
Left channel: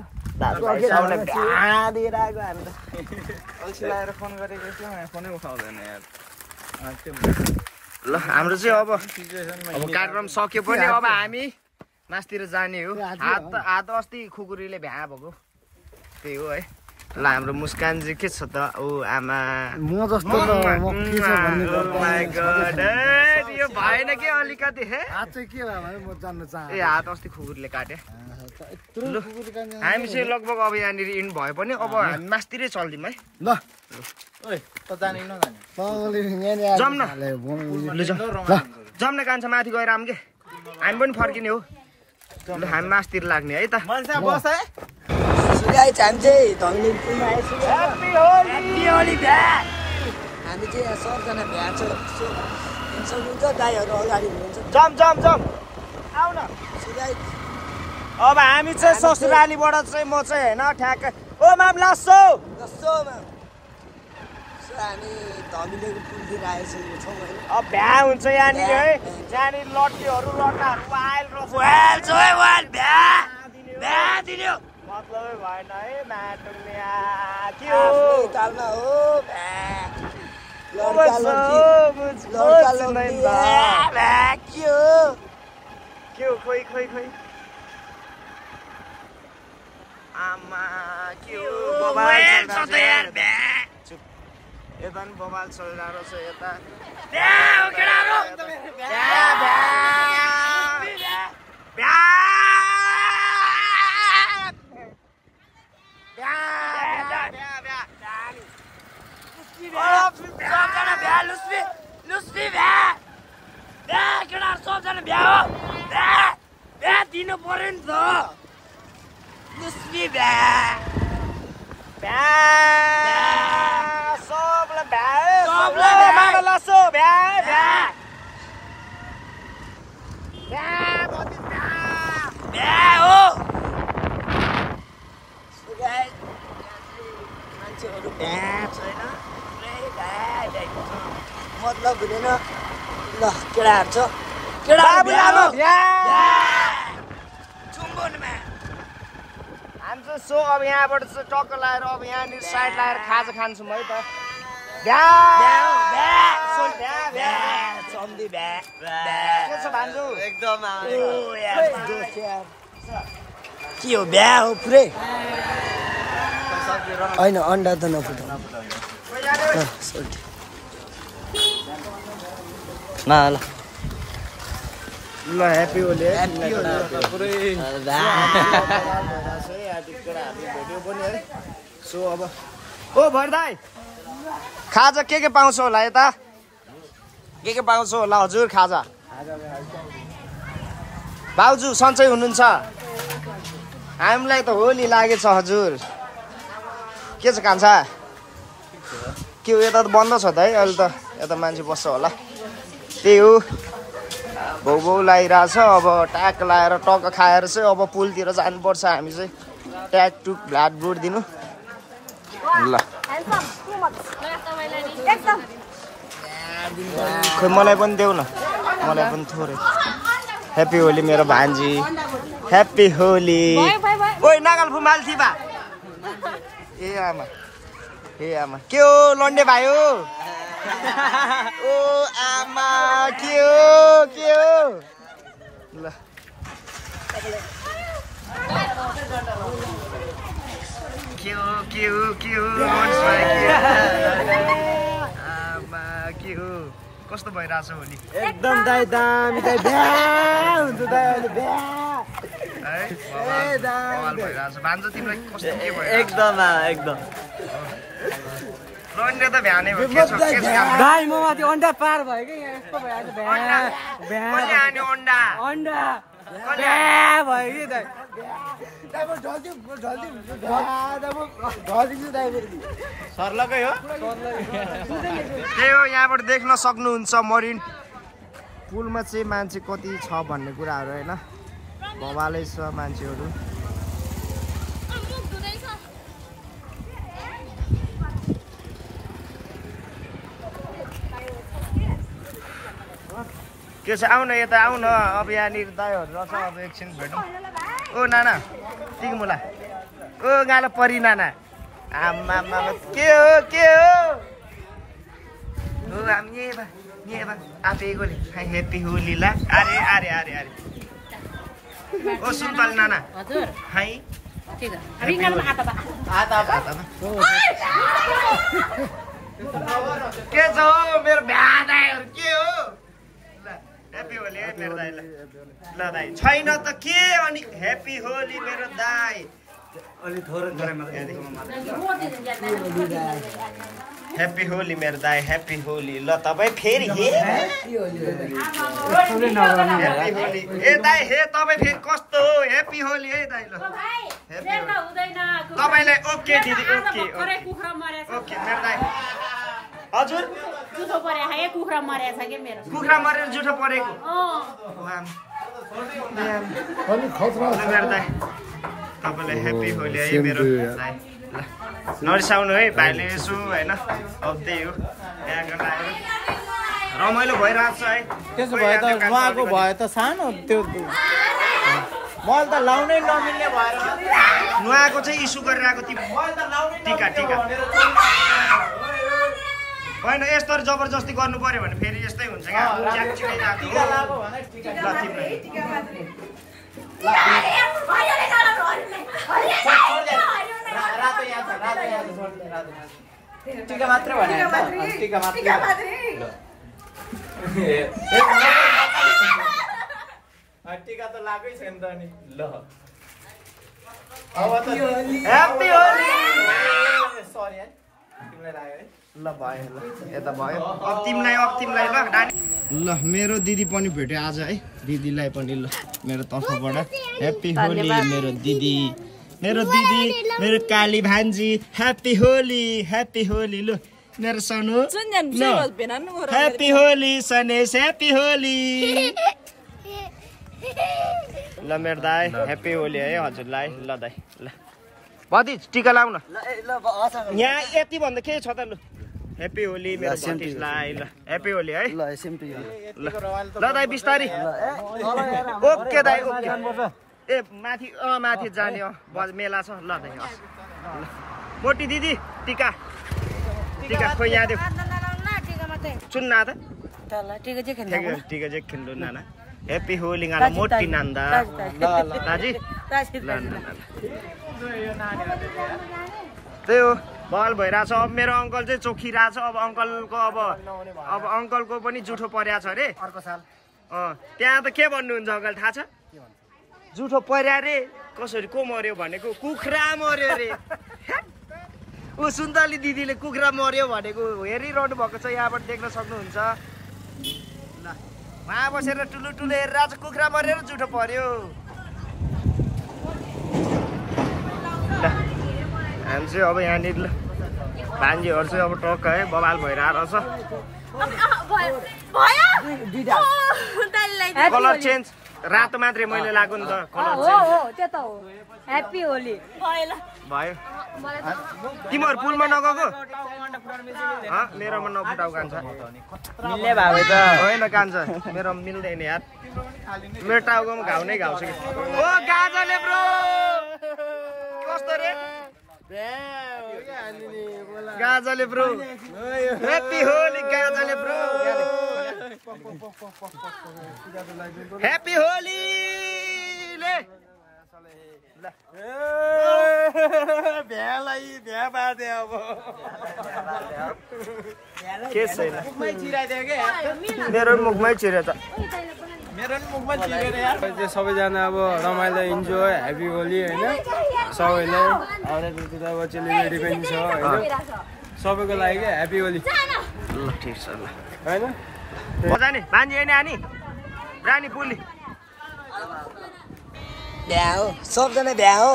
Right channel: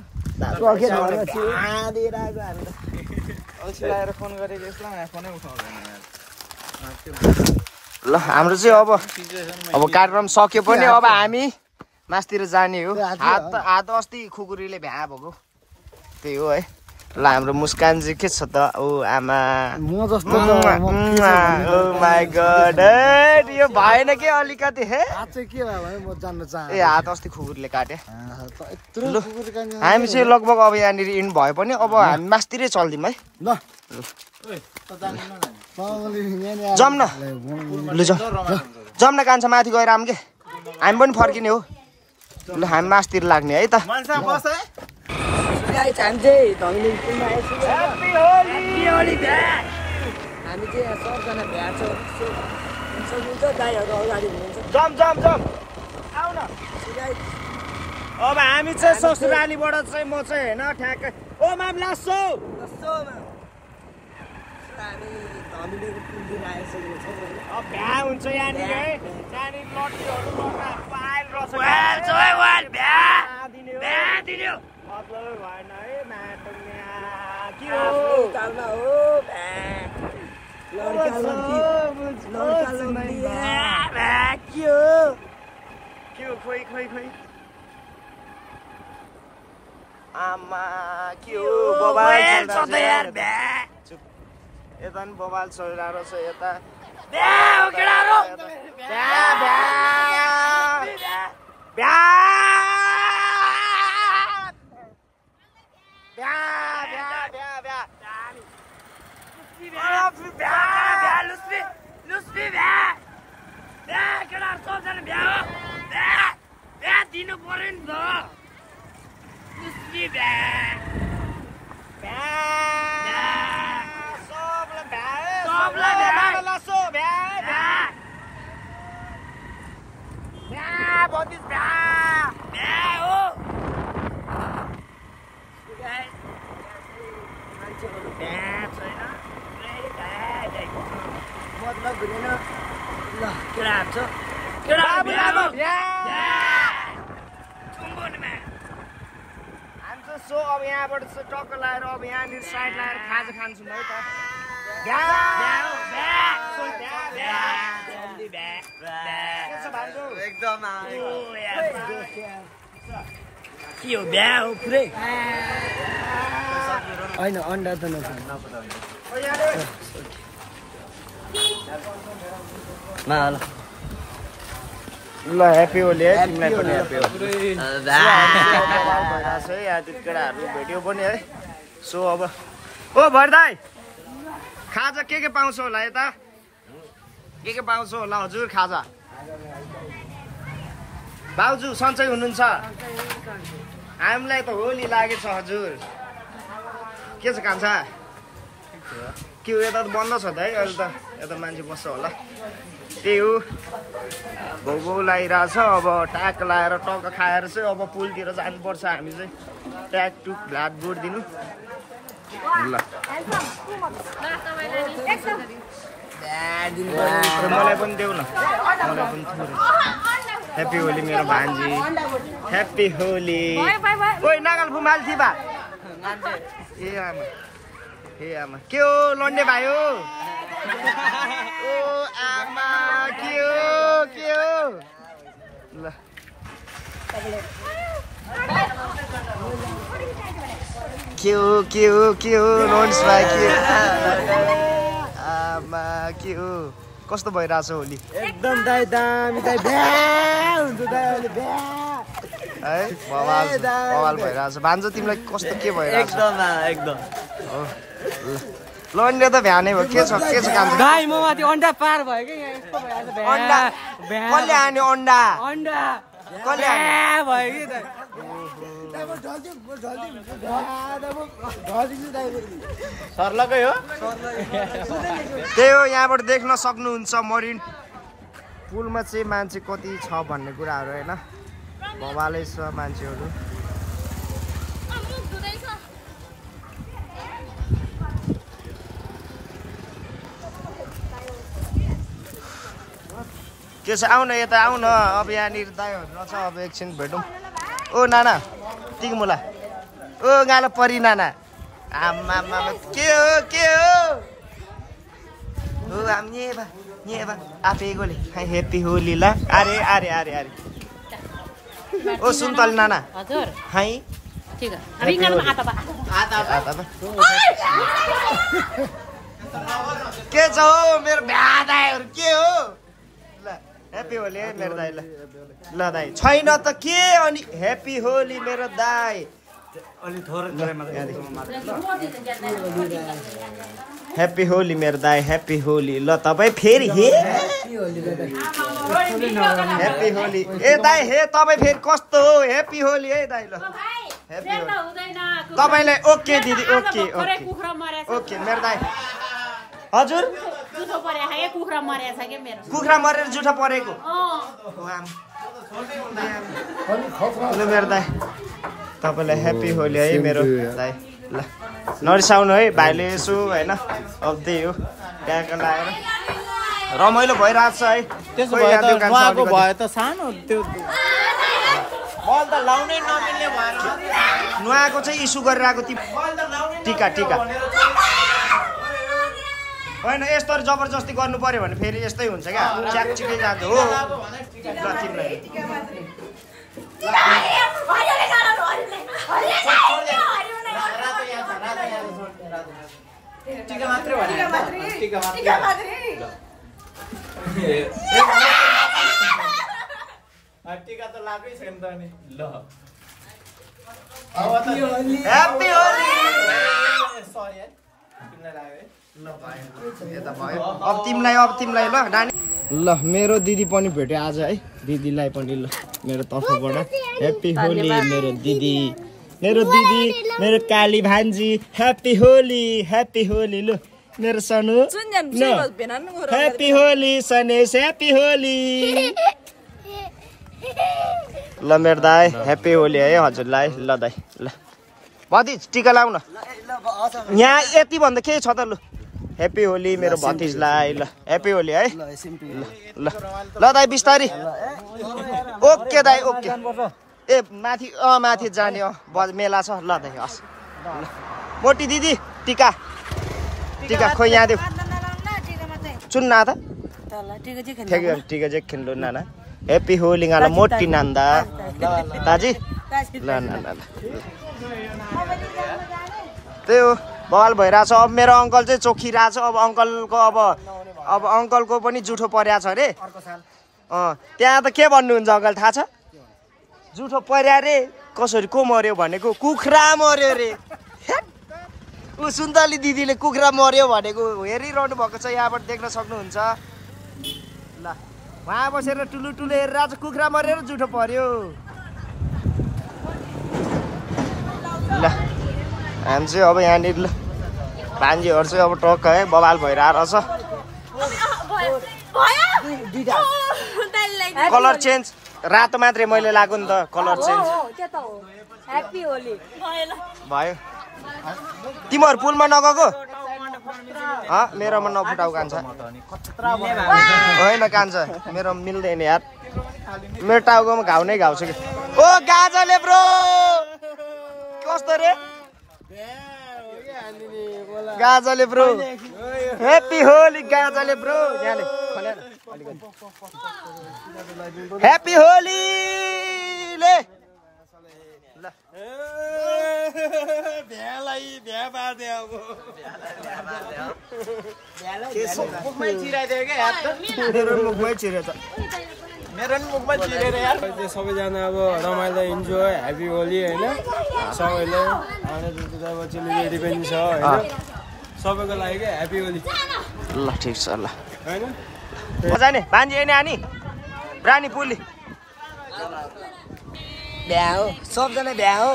दिएर आएको हामी त अल्छी लगाएर फोन गरेको यसलाई यहाँ फोनै उठाउँदैन ल हाम्रो चाहिँ अब कार्यक्रम सक्यो पनि अब हामी मासतिर जाने हो हात अस्ति खुकुरीले भ्या भएको त्यही हो है ल हाम्रो मुस्कान चाहिँ के छ त ओ आमा म जस्तो त माय गॉड यो भएन के अलिकति हे हात चाहिँ के भयो भाइ म जान्न चाहे ए हात अस्ति खुकुरीले काटे ल हामी चाहिँ लगभग अब यहाँनिर इन भए पनि अब हामी मासतिरै चल्दिउँ है ल जाउँ न ल जाउँ न कान्छ माथि गएर आऊँ के हामी पनि फर्किने हो ल हामी मासतिर लाग्ने है त मान्छे बस है अब हामी चाहिँ ससुरालीबाट चाहिँ म चाहिँ होइन ठ्याक्कै ओ माम लासो अब भ्या हुन्छ यहाँनिर है यहाँनिर लट्टीहरू लट्टा पायल मतलब भएन है के हो खोइ आमा के हो बबाल चुप यता पनि बबाल चलिरहेको छ यता दिनु पर्यो नि त मतलब हुँदैन ल केटाहरू छ सो अब यहाँबाट चाहिँ टक्क लगाएर अब यहाँनिर साइड लगाएर खाजा खान्छौँ है त के हो बिहा हो पुरै होइन अन्डा त ल ह्याप्पी होली है तिमीलाई पनि ह्याप्पी होली केटाहरू भेट्यो पनि है सो अब ओ भरदाई खाजा के पाउँछ होला यता के पाउँछ होला हजुर खाजा भाउजू सन्चै हुनुहुन्छ हामीलाई त होली लागेछ हजुर के छ कान्छा के हो यता त बन्द छ त है अहिले त यता मान्छे बस्छ होला त्यही हो भौ भौ लगाइरहेछ अब टाक लगाएर टक्क खाएर चाहिँ अब पुलतिर जानुपर्छ हामी चाहिँ ट्याटु ब्लड बोर्ड दिनु ल खोइ मलाई पनि देऊ न मलाई पनि थोरै ह्याप्पी होली मेरो भान्जी ह्याप्पी होली ओइ नागल फुमाल थिबा ए आमा के हो लन्डे भाइ हो ओ आमा के हो ल के हो रोन्स भाइ के आमा के हो कस्तो भइरहेछ होली एकदम दाइ दामी दाइ भ्या हुन्छ दाइ अहिले भ्या है बवाल भइरहेछ भान्जो तिमीलाई कस्तो के भइरहेछ एकदम लन्डे त भ्यानै हो के छ काम दाइ म माथि अन्डा पार भयो कि यहाँ यस्तो भइरहेछ अन्डा कसले हान्यो अन्डा भयो कि दाइ सर्लकै हो त्यही हो यहाँबाट देख्न सक्नुहुन्छ मरिन पुलमा चाहिँ मान्छे कति छ भन्ने कुराहरू होइन बवालै छ मान्छेहरू के छ आउ न यता आउ न अब यहाँनिर दाइहरू रहेछ अब एकछिन भेटौँ ओ नाना तिगमुला ओ गालो परी नाना आमा के हो हो आम नेबा आफैकोले ह्याप्पी होली ल अरे ओ सुन्तल नाना हजुर हाई ठीक के छ हो मेरो भ्यादाहरू के हो ल ह्याप्पी होली है मेरो दाइ ल दाइ छैन त के अनि ह्याप्पी होली मेरो दाइ ह्याप्पी होली मेरो दाइ ह्याप्पी होली ल तपाईँ फेरि ह्याप्पी होली ए दाइ हे तपाईँ फेरि कस्तो हो ह्याप्पी होली है दाइ ल ह्याप्पी होली तपाईँलाई ओके दिदी ओके मेरो दाइ हजुर जुठो परे है कुखुरा मरेछ के मेरो कुखुरा मरेर जुठो परेको मेरो दाइ तपाईँलाई ह्याप्पी होली है मेरो दाइ ल नरिसाउनु है भाइले यसो होइन अब त्यही हो त्यहाँको लगाएर रमाइलो भइरहेछ है त्यसो भए त उहाँको भए त सानो त्यो मैले त लाउनै नमिल्ने भएर नुहाएको चाहिँ इस्यु गरिरहेको टिका होइन यस्तो जबरजस्ती गर्नु पर्यो भने फेरि यस्तै हुन्छ क्या च्याकचिकै गएको हो ल तिमीलाई टिका मात्रै भने टिका मात्रै टिका त लागै छैन त नि ल अब त ह्याप्पी होली सरी है तिमीलाई लाग्यो है ल भयो ल यता भयो अब तिमीलाई ल डानी ल मेरो दिदी पनि भेट्यो आज है दिदीलाई पनि ल मेरो तर्फबाट ह्याप्पी होली मेरो दिदी मेरो काली भान्जी ह्याप्पी होली ल मेरो सनु ह्याप्पी होली सनेस ह्याप्पी होली ल मेरो दाइ ह्याप्पी होली है हजुरलाई ल दाइ ल भतिज टिका लाउ न यहाँ यति भन्दा केही छ त लु ह्याप्पी होली मेरो भतिजलाई ल ह्याप्पी होली है ल दाइ बिस्तारी ओके दाइ ओके ए माथि जाने मेला छ ल दाइ हस् मोटी दिदी टिका खोइ यहाँ देऊ चुन्ना त टिका चाहिँ खेल्नु नाना ह्याप्पी होली गाला मोटी नान्दा ताजी ल त्यही हो बवाल भइरहेछ अब मेरो अङ्कल चाहिँ चोखिरहेछ अब अङ्कलको अब अङ्कलको पनि जुठो परेको छ अरे त्यहाँ त के भन्नुहुन्छ अङ्कल थाहा छ जुठो पर्या रे कसरी को मर्यो भनेको कुखुरा मर्यो रे ऊ सुन्तली दिदीले कुखुरा मर्यो भनेको हेरिरहनु भएको छ यहाँबाट देख्न सक्नुहुन्छ ल उहाँ बसेर टुलु हेरेर आज कुखुरा मरेर जुठो पर्यो ल हामी चाहिँ अब यहाँनिर ल भान्जीहरू चाहिँ अब टक्क है बवाल भइरहेको छ कलर चेन्ज रातो मात्रै मैले लाग्यो नि त कलर चेन्ज ह्याप्पी होली भयो तिमीहरू पुलमा नगएको मेरोमा नफुटाउ कान्छ होइन कान्छ मेरो मिल्दैन यार मेरो टाउकोमा घाउ नै घाउ छ कि ओ गाजले ब्रो कस्तो रे गाजले ब्रो ह्याप्पी होली गाजले ब्रो ह्याप्पी होली ले के छैन मेरो मुखमै छिर्यो त सबैजना अब रमाइलो इन्जोय ह्याप्पी होली होइन सबैलाई अब चेलीबेटी पनि छ होइन सबैको लागि ह्याप्पी होली ल ठिक छ ल होइन मजा नि भान्जी नि आनी रानी पुली भ्या हो सबजना भ्या हो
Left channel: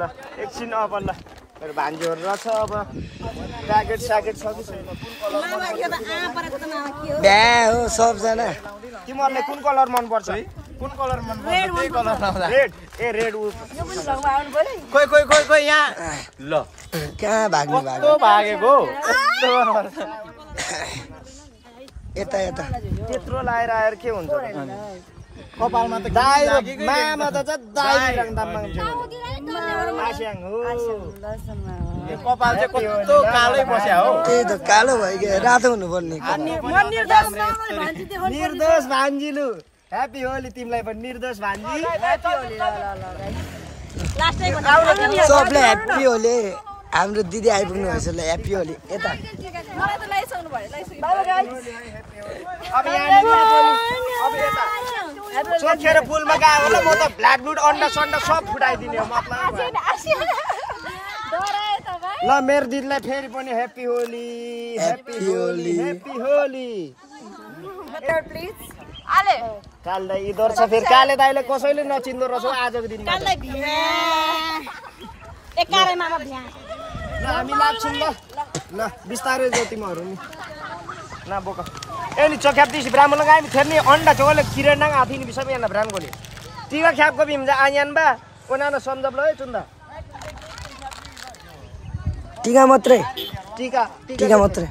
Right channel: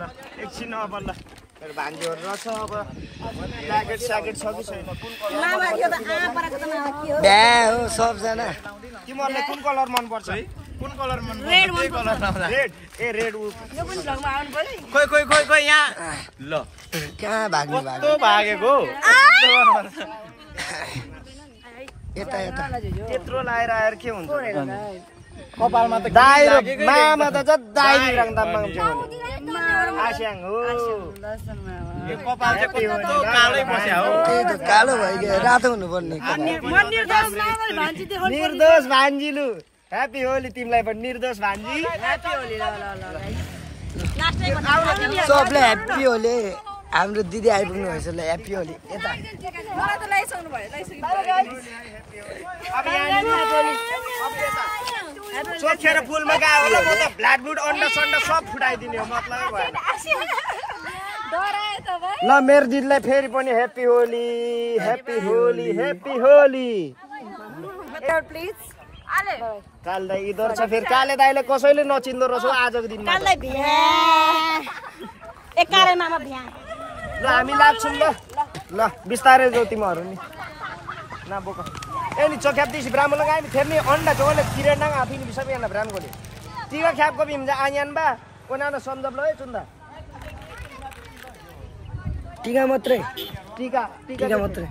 ल एकछिन अब ल भान्जीहरू रहेछ अब ज्याकेट स्याकेट छ कि छैन कुन कलर भ्या हो सबजना तिमीहरूलाई कुन कलर मनपर्छ कुन कलर मनपर्छ रेड ए रेड खोइ यहाँ ल कहाँ भाग्नु भागेको यता यता त्यत्रो लाएर आएर के हुन्छ कपालमा त मामा त जदाई रङदा मान्छे आस्याङ हो कपाल चाहिँ कस्तो कालो बस्या हो त्यही त कालो भइगयो रातो हुनुपर्ने निर्दोष भान्जीलु ह्याप्पी होली तिमीलाई पनि निर्दोष भान्जी ह्याप्पी होली सबलाई ह्याप्पी होली हाम्रो दिदी आइपुग्नु भएछ ल ह्याप्पी होली यता सोचेर फुलमा गएर म त ब्ल्याक ब्लड अन्डा सन्डा सब फुटाइदिने हो मतलबै भएन ल मेरो दिदीलाई फेरि पनि happy Holi happy Holi happy Holi please काल दाइ इधर छ फेरि काले दाइले कसैले नचिन्दो रहेछ आजको दिनमा ल हामी लाग्छौँ ल बिस्तारै जाऊ तिमीहरू नि न बोक एनी चोख्याप दिसी ब्राह्मण लगाए नि फेरि अन्डा चोले खिरे नाङ आथि नि बिसम याना ब्राह्मण गोली टिका ख्यापको बिम जा आयान बा कोनानो सम्झब ल चुन्दा टिका मात्रै टिका मात्रै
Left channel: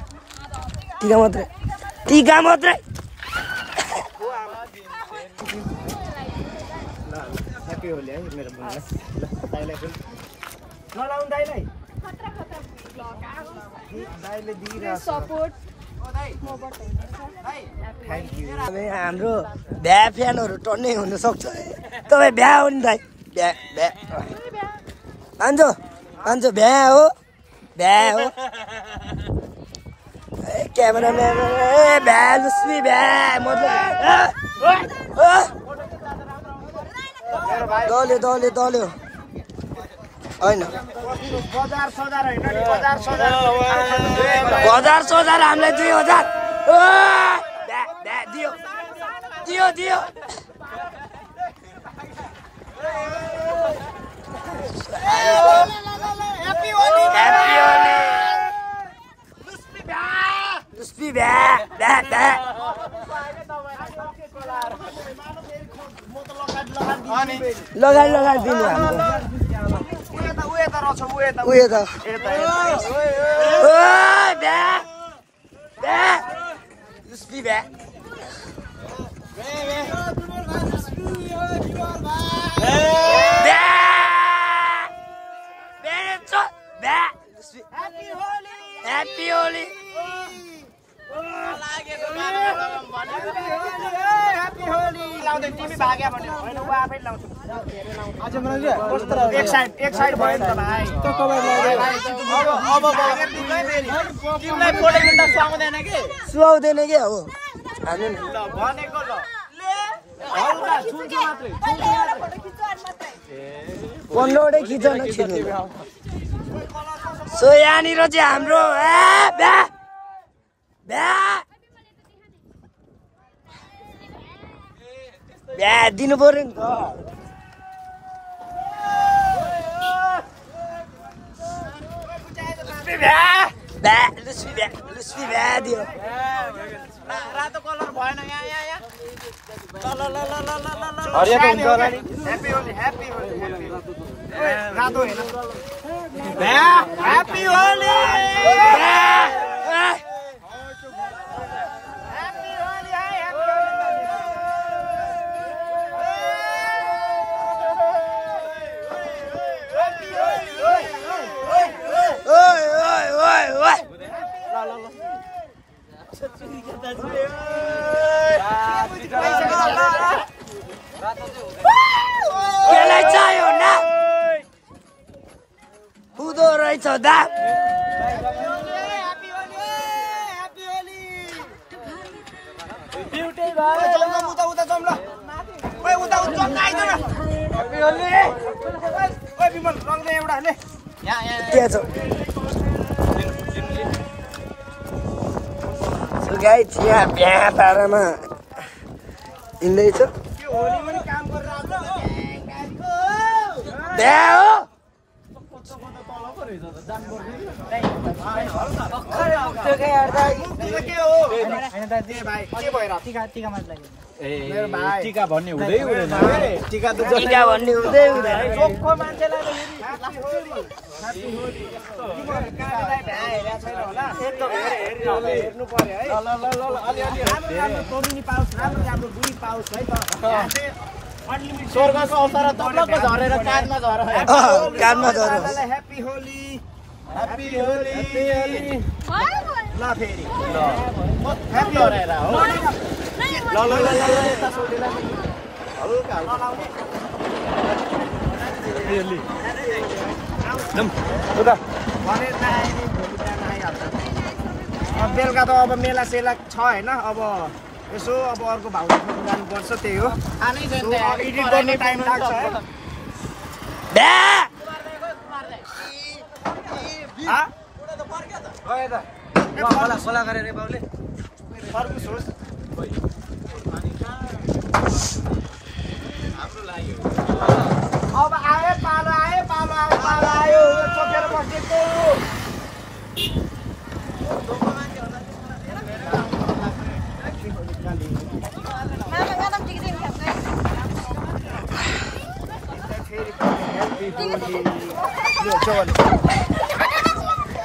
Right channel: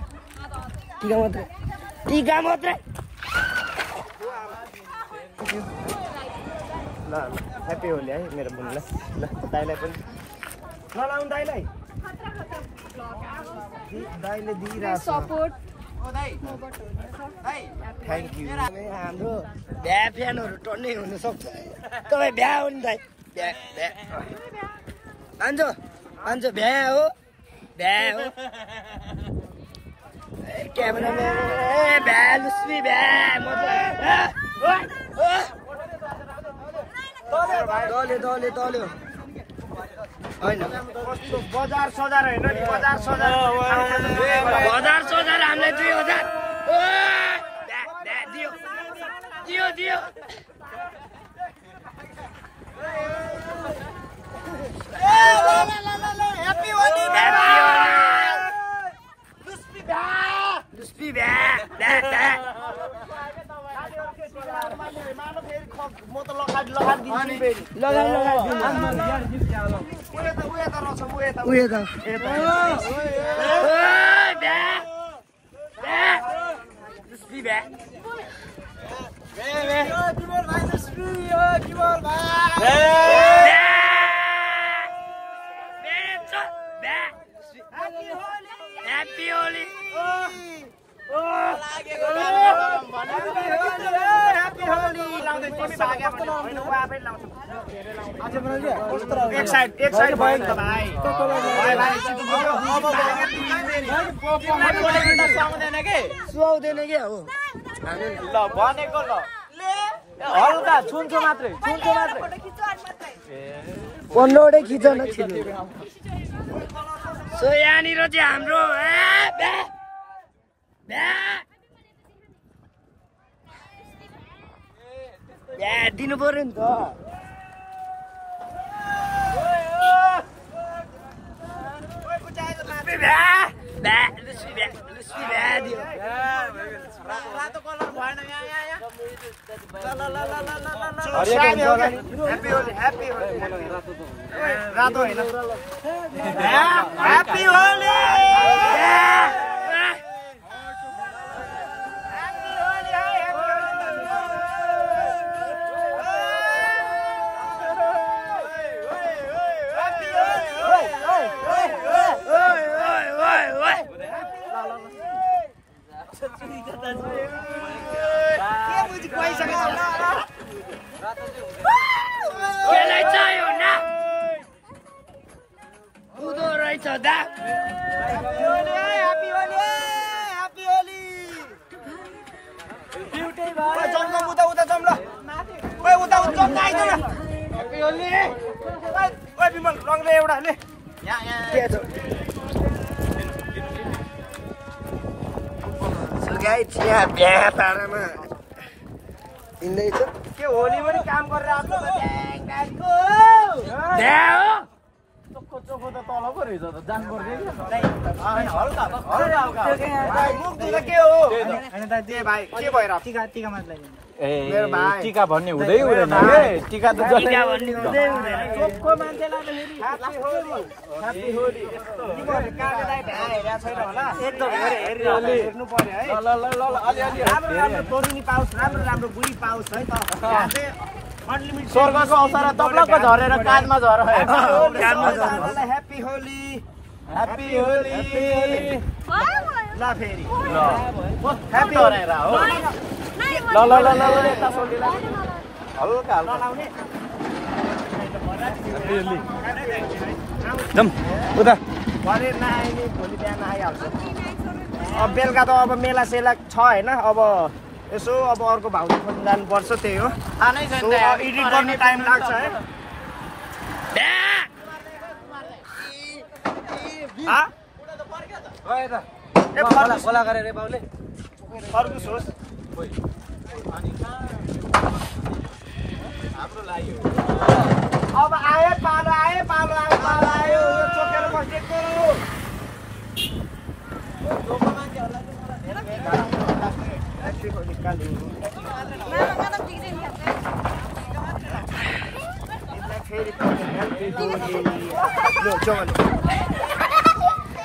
ल ह्याप्पी होली है मेरो बुनलाई ल दाइलाई पनि नलाउनु दाइलाई दाइले दिइरहेको सपोर्ट थ्याङ्क यू हाम्रो भ्या फ्यानहरू टन्नै हुनसक्छ तपाईँ भ्या हो नि दाइ भ्या भान्जो भ्या हो क्यामेराम्यान भ्या लुस्मी भ्या दल्यो होइन बजार सजार होइन नि बजार सजार हामीलाई 2000 दियो ह्याप्पी होली लुस्पी भ्या लगाइ दिनु उयो त लुस्पी भ्या ह्याप्पी होली एक साइड भयो नि त भाइ सुहाउँदैन के हो ल भनेको ल मात्रै 15वटै खिच न खिच्नु सो यहाँनिर चाहिँ हाम्रो भ्या दिनु पर्यो नि त लुस्पी भ्या दियो रातो कलर भएन यहाँ ह्याप्पी होली ह्याप्पी होली रातो होइन ह्याप्पी होली केले चाहियो न हुँदो रहेछ दा happy Holi happy Holi beauty भयो उता उता जाउँ ल ओइ उता उता आइदिनु ह्याप्पी होली ओइ बिमल रङ दे एउटा ले के छ गाइस यहाँ बिहा पारामा हिँड्दैछ के होली पनि काम गरेर आएको बिहा हो टीका भन्ने हुँदै हुँदैन टीका त टिका भन्ने हुँदै हुँदैन चोखो मान्छेलाई त फेरि हेर्नु पर्यो है राम्रो राम्रो तोरिनी पाओस् राम्रो राम्रो बुढी पाओस् है त स्वर्गको अवसर तप्लक्क झरेर काँधमा झर काममा झर ह्याप्पी होली ह्याप्पी होली ल फेरि ह्याप्पी हराएर हो ल ल ल ल यता सोल्टीलाई पनि हल्का हल्का लाउने भने नआए नि भोलि बिहान आइहाल्छ अब बेलुका त अब मेला सेला छ होइन अब यसो अब अर्को भाउजू खोज्नु जानुपर्छ त्यही हो एडिट गर्नु टाइम लाग्छ है खोला गरेर बाउले फर्कुस होस् अब आयो पालो आयो पालो आयो पालो आयो चोकेर बसेको फेरि ह्याप्पी होली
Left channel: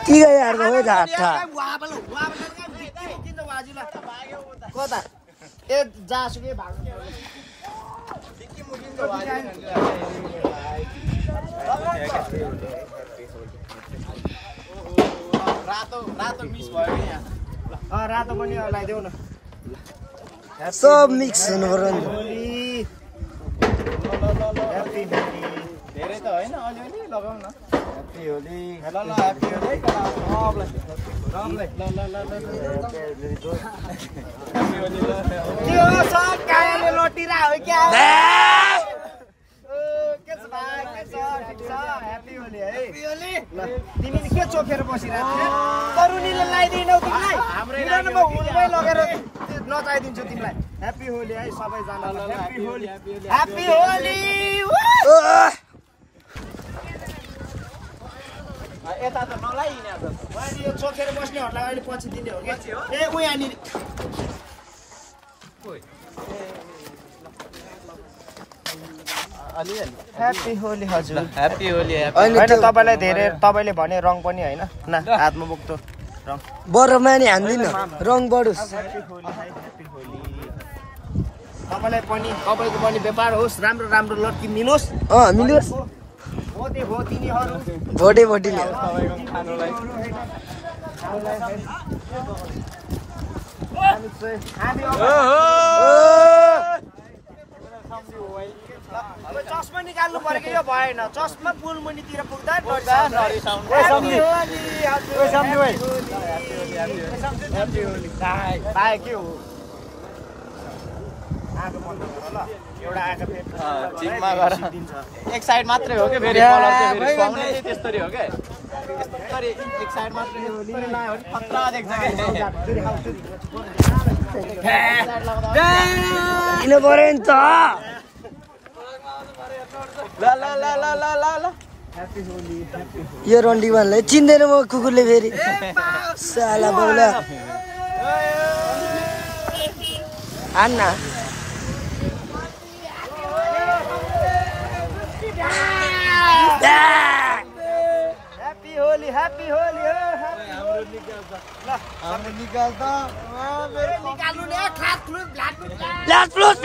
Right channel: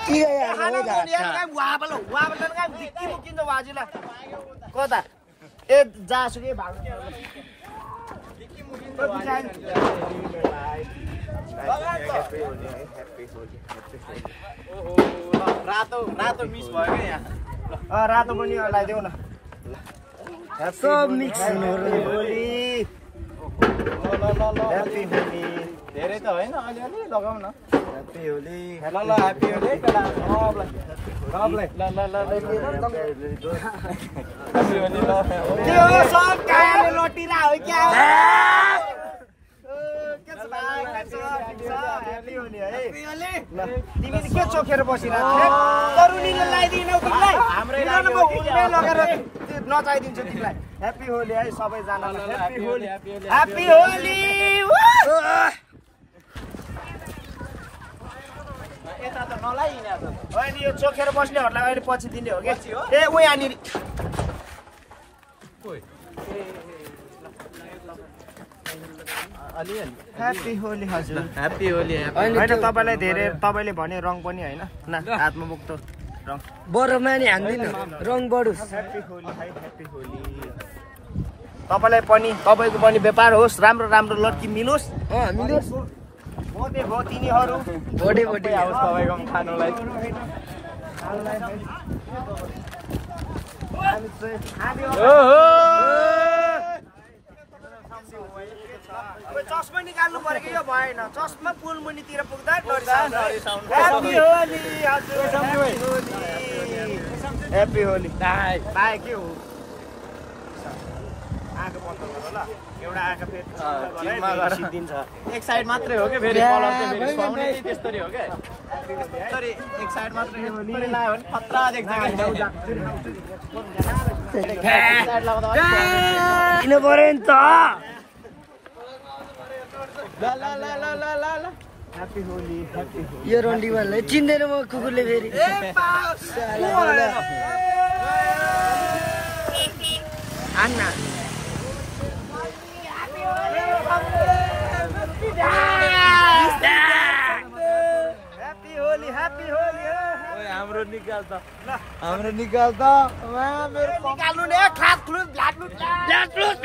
के यार गयो घाटा कता ए जासुकै भाग्नु रातो पनि लगाइदेऊ न सब मिक्स हुनु ह्याप्पी होली धेरै त होइन अलिअलि लगाउँ न ह्याप्पी होली ल ल ह्याप्पी होली केटा के हो सब कायाले लटिरा हो क्या के छ भाइ ह्याप्पी होली है ल तिमी के चोखेर बसिरहेको तरुनीले लगाइदिनौ तिमीलाई हाम्रै लगेर नचाइदिन्छु तिमीलाई ह्याप्पी होली है सबैजनालाई ह्याप्पी होली ह्याप्पी होली यता त नलाइने त अहिले यो चोखेर बस्नेहरूलाई अहिले पछि दिने हो कि ए उ यहाँनिर ह्याप्पी होली हजुर ह्याप्पी होली होइन तपाईँलाई धेरै तपाईँले भने रङ पनि होइन न हातमा बोक्दो रङ बरमा नि हान्दिन रङ बढोस् ह्याप्पी होली है ह्याप्पी होली तपाईँलाई पनि तपाईँको पनि व्यापार होस् राम्रो राम्रो लड्की मिलोस् मिलोस् भोटे भो तिनीहरू भोटे भोटे चस्मा निकाल्नु पर्यो कि यो भएन चस्मा पुल मुनितिर पुग्दा ह्याप्पी होली ह्याप्पी होली पाए के हो आँखा बन्द गर ल एउटा आँखा फेरि दिन्छ एक साइड मात्रै हो के फेरि कलर चाहिँ फेरि सुहाउने त्यस्तरी हो के त्यसरी एक साइड मात्रै त्यसरी लायो भने खतरा देख्छ के किन पर्यो नि त ल ल ल ल ल ल ल ह्याप्पी होली यो रन्डीवानलाई चिन्दैन म कुकुरले फेरि साला बोला आन्ना निकाल्नु नि खाट फ्लुट ब्लाड फ्लुट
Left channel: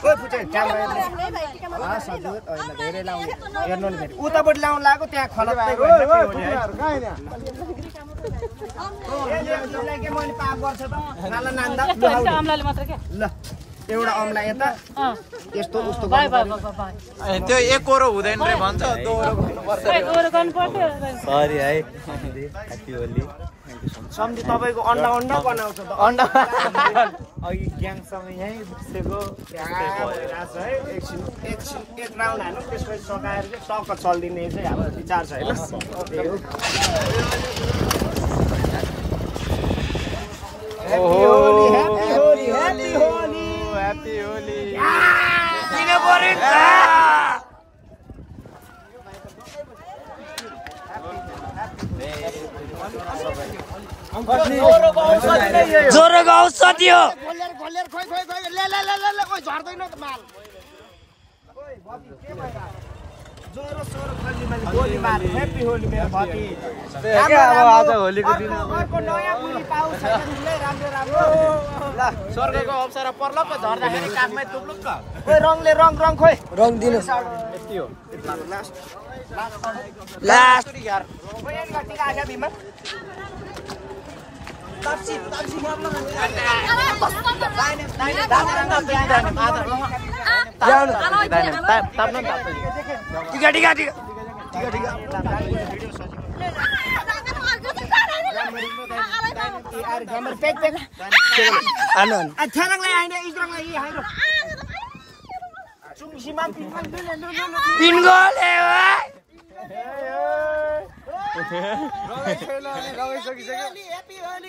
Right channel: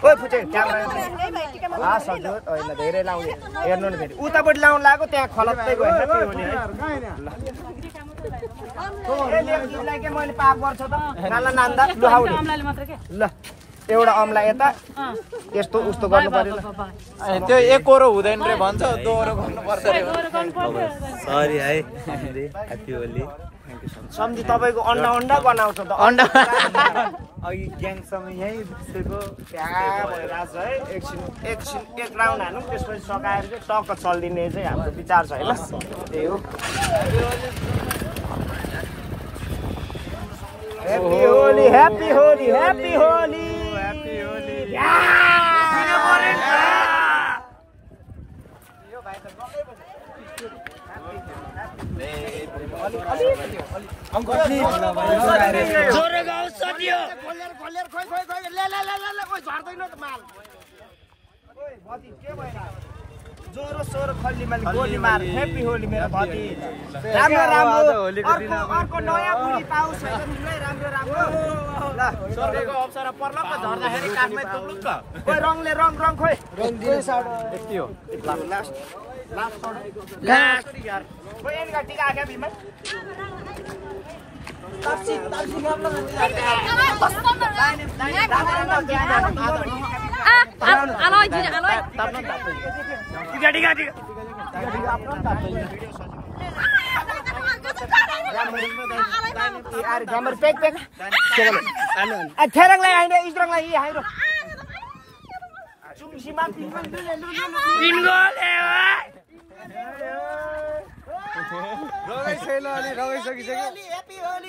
ओइ फुटे क्यामेरा सजुत होइन धेरै लाउने हेर्नु नि फेरि उतापट्टि लाउनु लाग्यो त्यहाँ खलत्तै गयो ह्याप्पी होली है यसलाई के मैले पाप गर्छ त नाला नान्दा लुहाउने ल एउटा अमला यता त्यस्तो उस्तो गर्नु पर्यो त्यो एकोरो हुँदैन रे भन्छ सरी है हामीले ह्याप्पी होली सम्झी तपाईँको अन्डा अन्डा बनाउँछ त अन्डा अघि ग्याङसँग यहीँ बसेको क्या भइरहेछ है एकछिन एक राउन्ड हाल्नु त्यसपछि सकाएर चाहिँ टक्क चल्दिने चाहिँ हाम्रो विचार छ होइन त्यही हो happy Holi happy Holi happy Holi happy Holi दिन पर्यो नि ज्वरोको औषधि हो ज्वरो सोरो खल्लीमाली गोली मार ह्याप्पी होली मेरो भति राम्रो अर्को नयाँ बुढी पाउँछ राम्रो राम्रो ल स्वर्गको अवसर पर्ला पो झर्दाखेरि काठमै तुक्लुक त खोइ रङले रङ खोइ रङ दिनु यति हो लास्ट यार खोइ यहाँ टिका आके बिमा ताप्सी नर्लो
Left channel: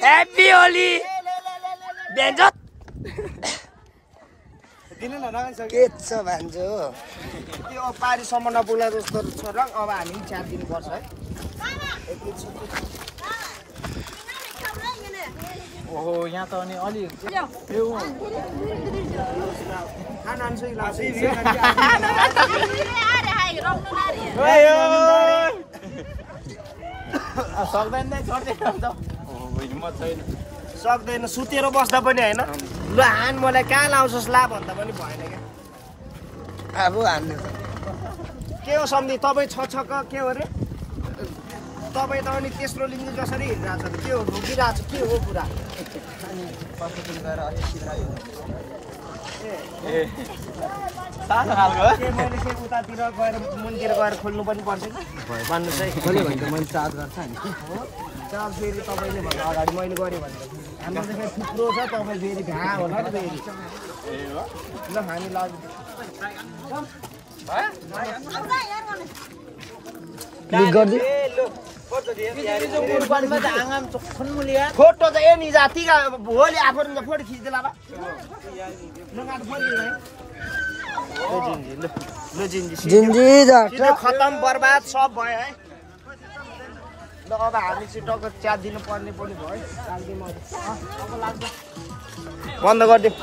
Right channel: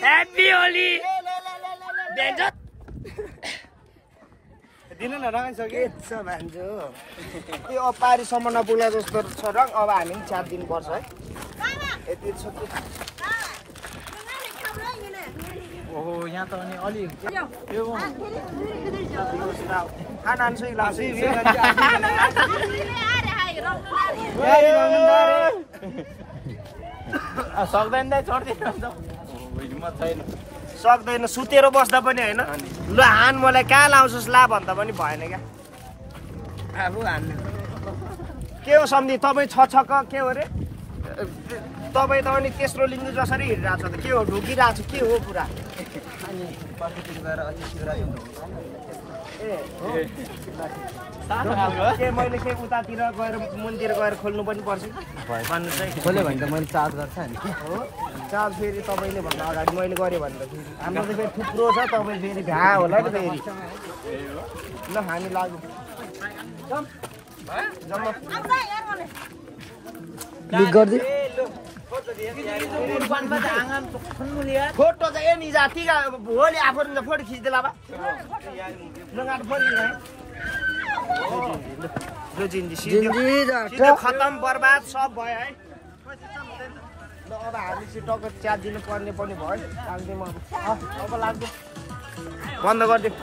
ह्याप्पी होली बेन्जत के छ भान्जो त्यो पारीसम्म नपुग्ला जस्तो छ रङ अब हामी पनि च्याप दिनुपर्छ है ओहो यहाँ त अनि अलि खाना आन्छु सक्दैन सुतेर बस्दा पनि होइन ल हान मलाई कहाँ लाउँछस् ला भन्दा पनि भएन क्या अब हान्नु के हो सम्झी तपाईँ छक्क के हो अरे तपाईँ त अनि तेस्रो लिङ्ग जसरी हिँडिरहेको छ त के हो ढुकिरहेको छ के हो पुरा अनि पशुपुन गएर अझै शिवराज के मैले के उतातिर गएर मन्दिर गएर खोल्नु पनि पर्छ भन्नु चाहिँ खोल्यो भने त मैले चार्ज गर्छ नि हो चार्ज फेरि तपाईँले भन्दा अगाडि मैले गरेँ भने त हाम्रो चाहिँ फेरि थुप्रो छ तपाईँ फेरि भ्या होला ल हामी लाग्यौँ फोटो चाहिँ ए नि जाति भोलि आफू फोटो खिच्दै ला खतम बर्बाद सब भयो है अब हामी चाहिँ टक्क च्याप दिनु पर्ने पनि भयो लाग्दैन अब लाग्दैन बन्द गरिदिउँ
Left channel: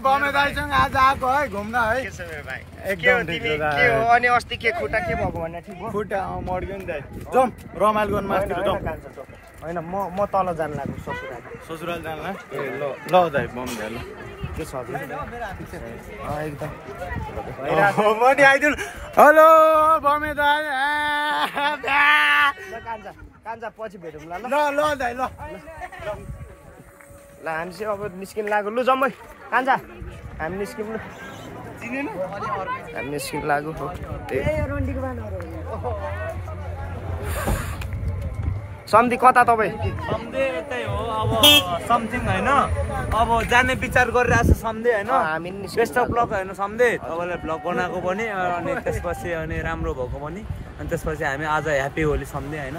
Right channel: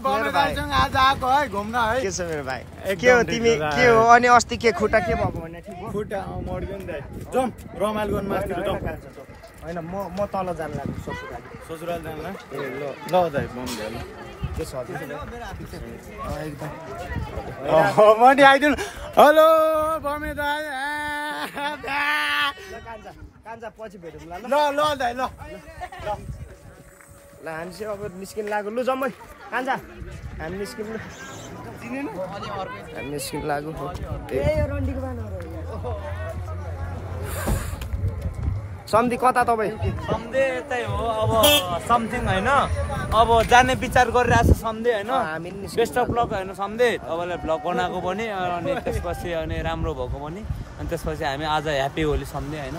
बमेदाइसँग आज आएको है घुम्न है के छ मेरो भाइ के हो तिमी के हो अनि अस्ति के खुट्टा के भएको भने ठिक हो खुट्टा मर्ग्यो नि दाइ जाउँ रमाइलो गर्नु माथि जाउँ होइन म तल जान लाग्छु ससुराल जानु ल ल दाइ बम दाइ ल के छ एकदम मनी आइदिनु हेलो बमे दाइ कान्छा पछि भेटौँ ल ल दाइ ल ल हामी चाहिँ अब निस्किन लाग्यो लु जम्मै कान्छा हामी निस्क्यौँ लु चिनेन हामी निस्किन लाग्यो सम्धी कता तपाईँ समथिङ होइन अब जाने विचार गरिरहेको छ सम्झे होइन हामी बेस्ट अफ लक होइन सम्झे तपाईँलाई भ्लग बनाएको पनि अनि त्यसपछि अनि राम्रो भएको पनि अनि त्यसपछि हामी आज ह्याप्पी होली सम्झे होइन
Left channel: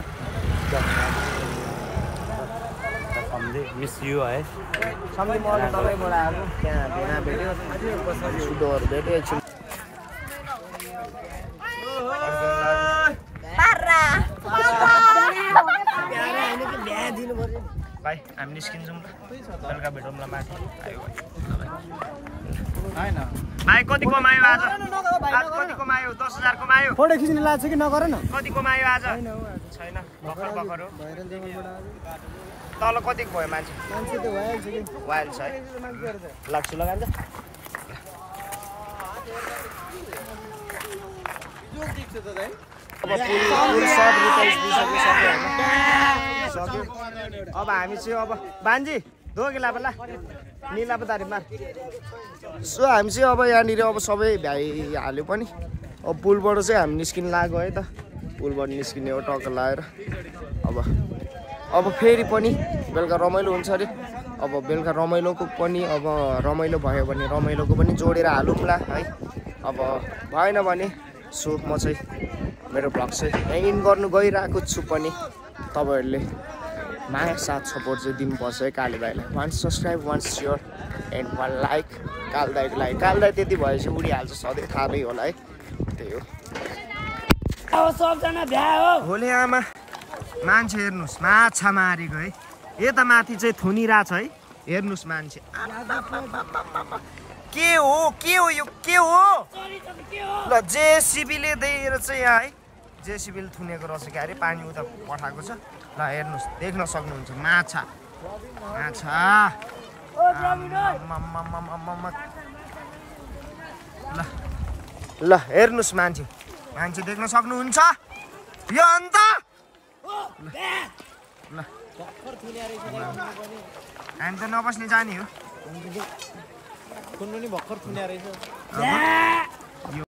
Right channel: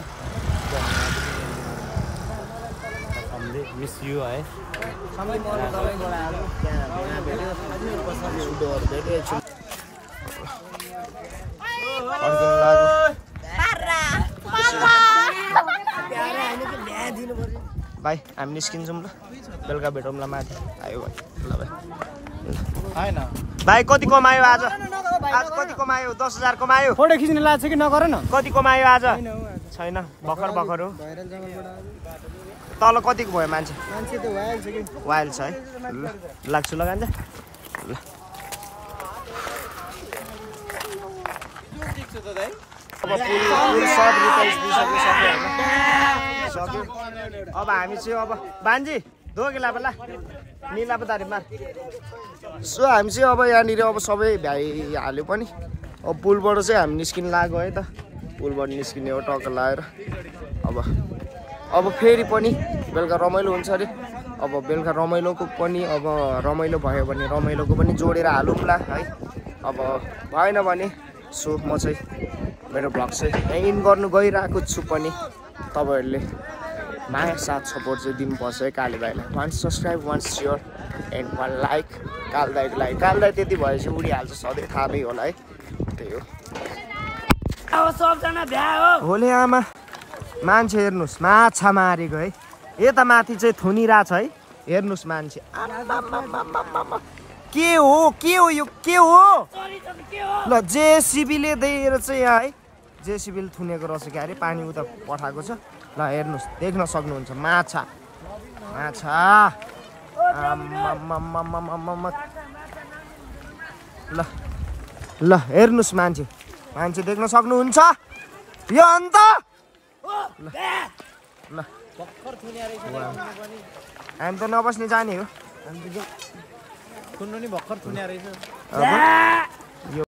सम्झे मिस यु है सम्धी मलाई तपाईँबाट आयो त्यहाँ भेना भेट्यो सुडोहरू भेट्यो भाइ हामी निस्किन्छौँ ल बेलुका भेटौँ ल माथि आयो भाइ ल भाइ होइन भाइ कति कमायो आज आज कति कमायो 10,000 कमायो फोटो खिच्न लाग्छ कि नगर न कति कमायो आज छैन भर्खर भर्खर हो भइरल जङ्गलबाट तल कति गयो मान्छे मान्छे त भइहाल्छ कि वाइल्ड छ है ल लाग्छु लगान्छ ल अब पुल सब रिपेयर सक्यो अब हामी चाहिँ अब बान्जी दोगेला बेला निला पदारीमा सो हामी चाहिँ अब यहाँनिर अब सबै भ्याइहाल्यो पनि अब पुलबाट चाहिँ हामी निस्किन लाग्यो है त पुलबाट निस्किने हो टक्क लगाएर अब फेरि पनि बेलुका रमाइलो हुन्छ अरे अब बेलुका रमाइलोको पनि अब रमाइलो भयो भने रमाइलोको पनि जोडेर हालौँला है अब भएन भने सो म चाहिँ मेरो भ्लग चाहिँ यहाँ इन गर्नु गइरहेको छु पनि तपाईँहरूले माया साथ सपोर्ट चाहिँ दिनुपर्छ है काले भाइलाई 1 सब्सक्राइब 1 सेयर एन्ड 1 लाइक काल दाइको लागि काल दाइ त्यति भएपछि उडिहाल्छ सधैँ थाहा नै होला है त्यही हो होले आमा मान्छे हेर्नुहोस् माछा मारेको है यता माथि चाहिँ थुनिरहेछ है हेर्नुहोस् मान्छे के हो यो के हो ल जेसिबीले दिएर चाहिँ यहाँ है जेसिबीले थुनेको रहेछ क्या अरे पानी उता पठाएको छ ल हेर्नुहोस् देख्न सक्नुहुन्छ माछा ल हेर्नुहोस् मान्छे देख्न सक्नुहुन्छ यो अन्त ल हामी त नबस्ने जाने हो भर्खर थुन्या रहेछ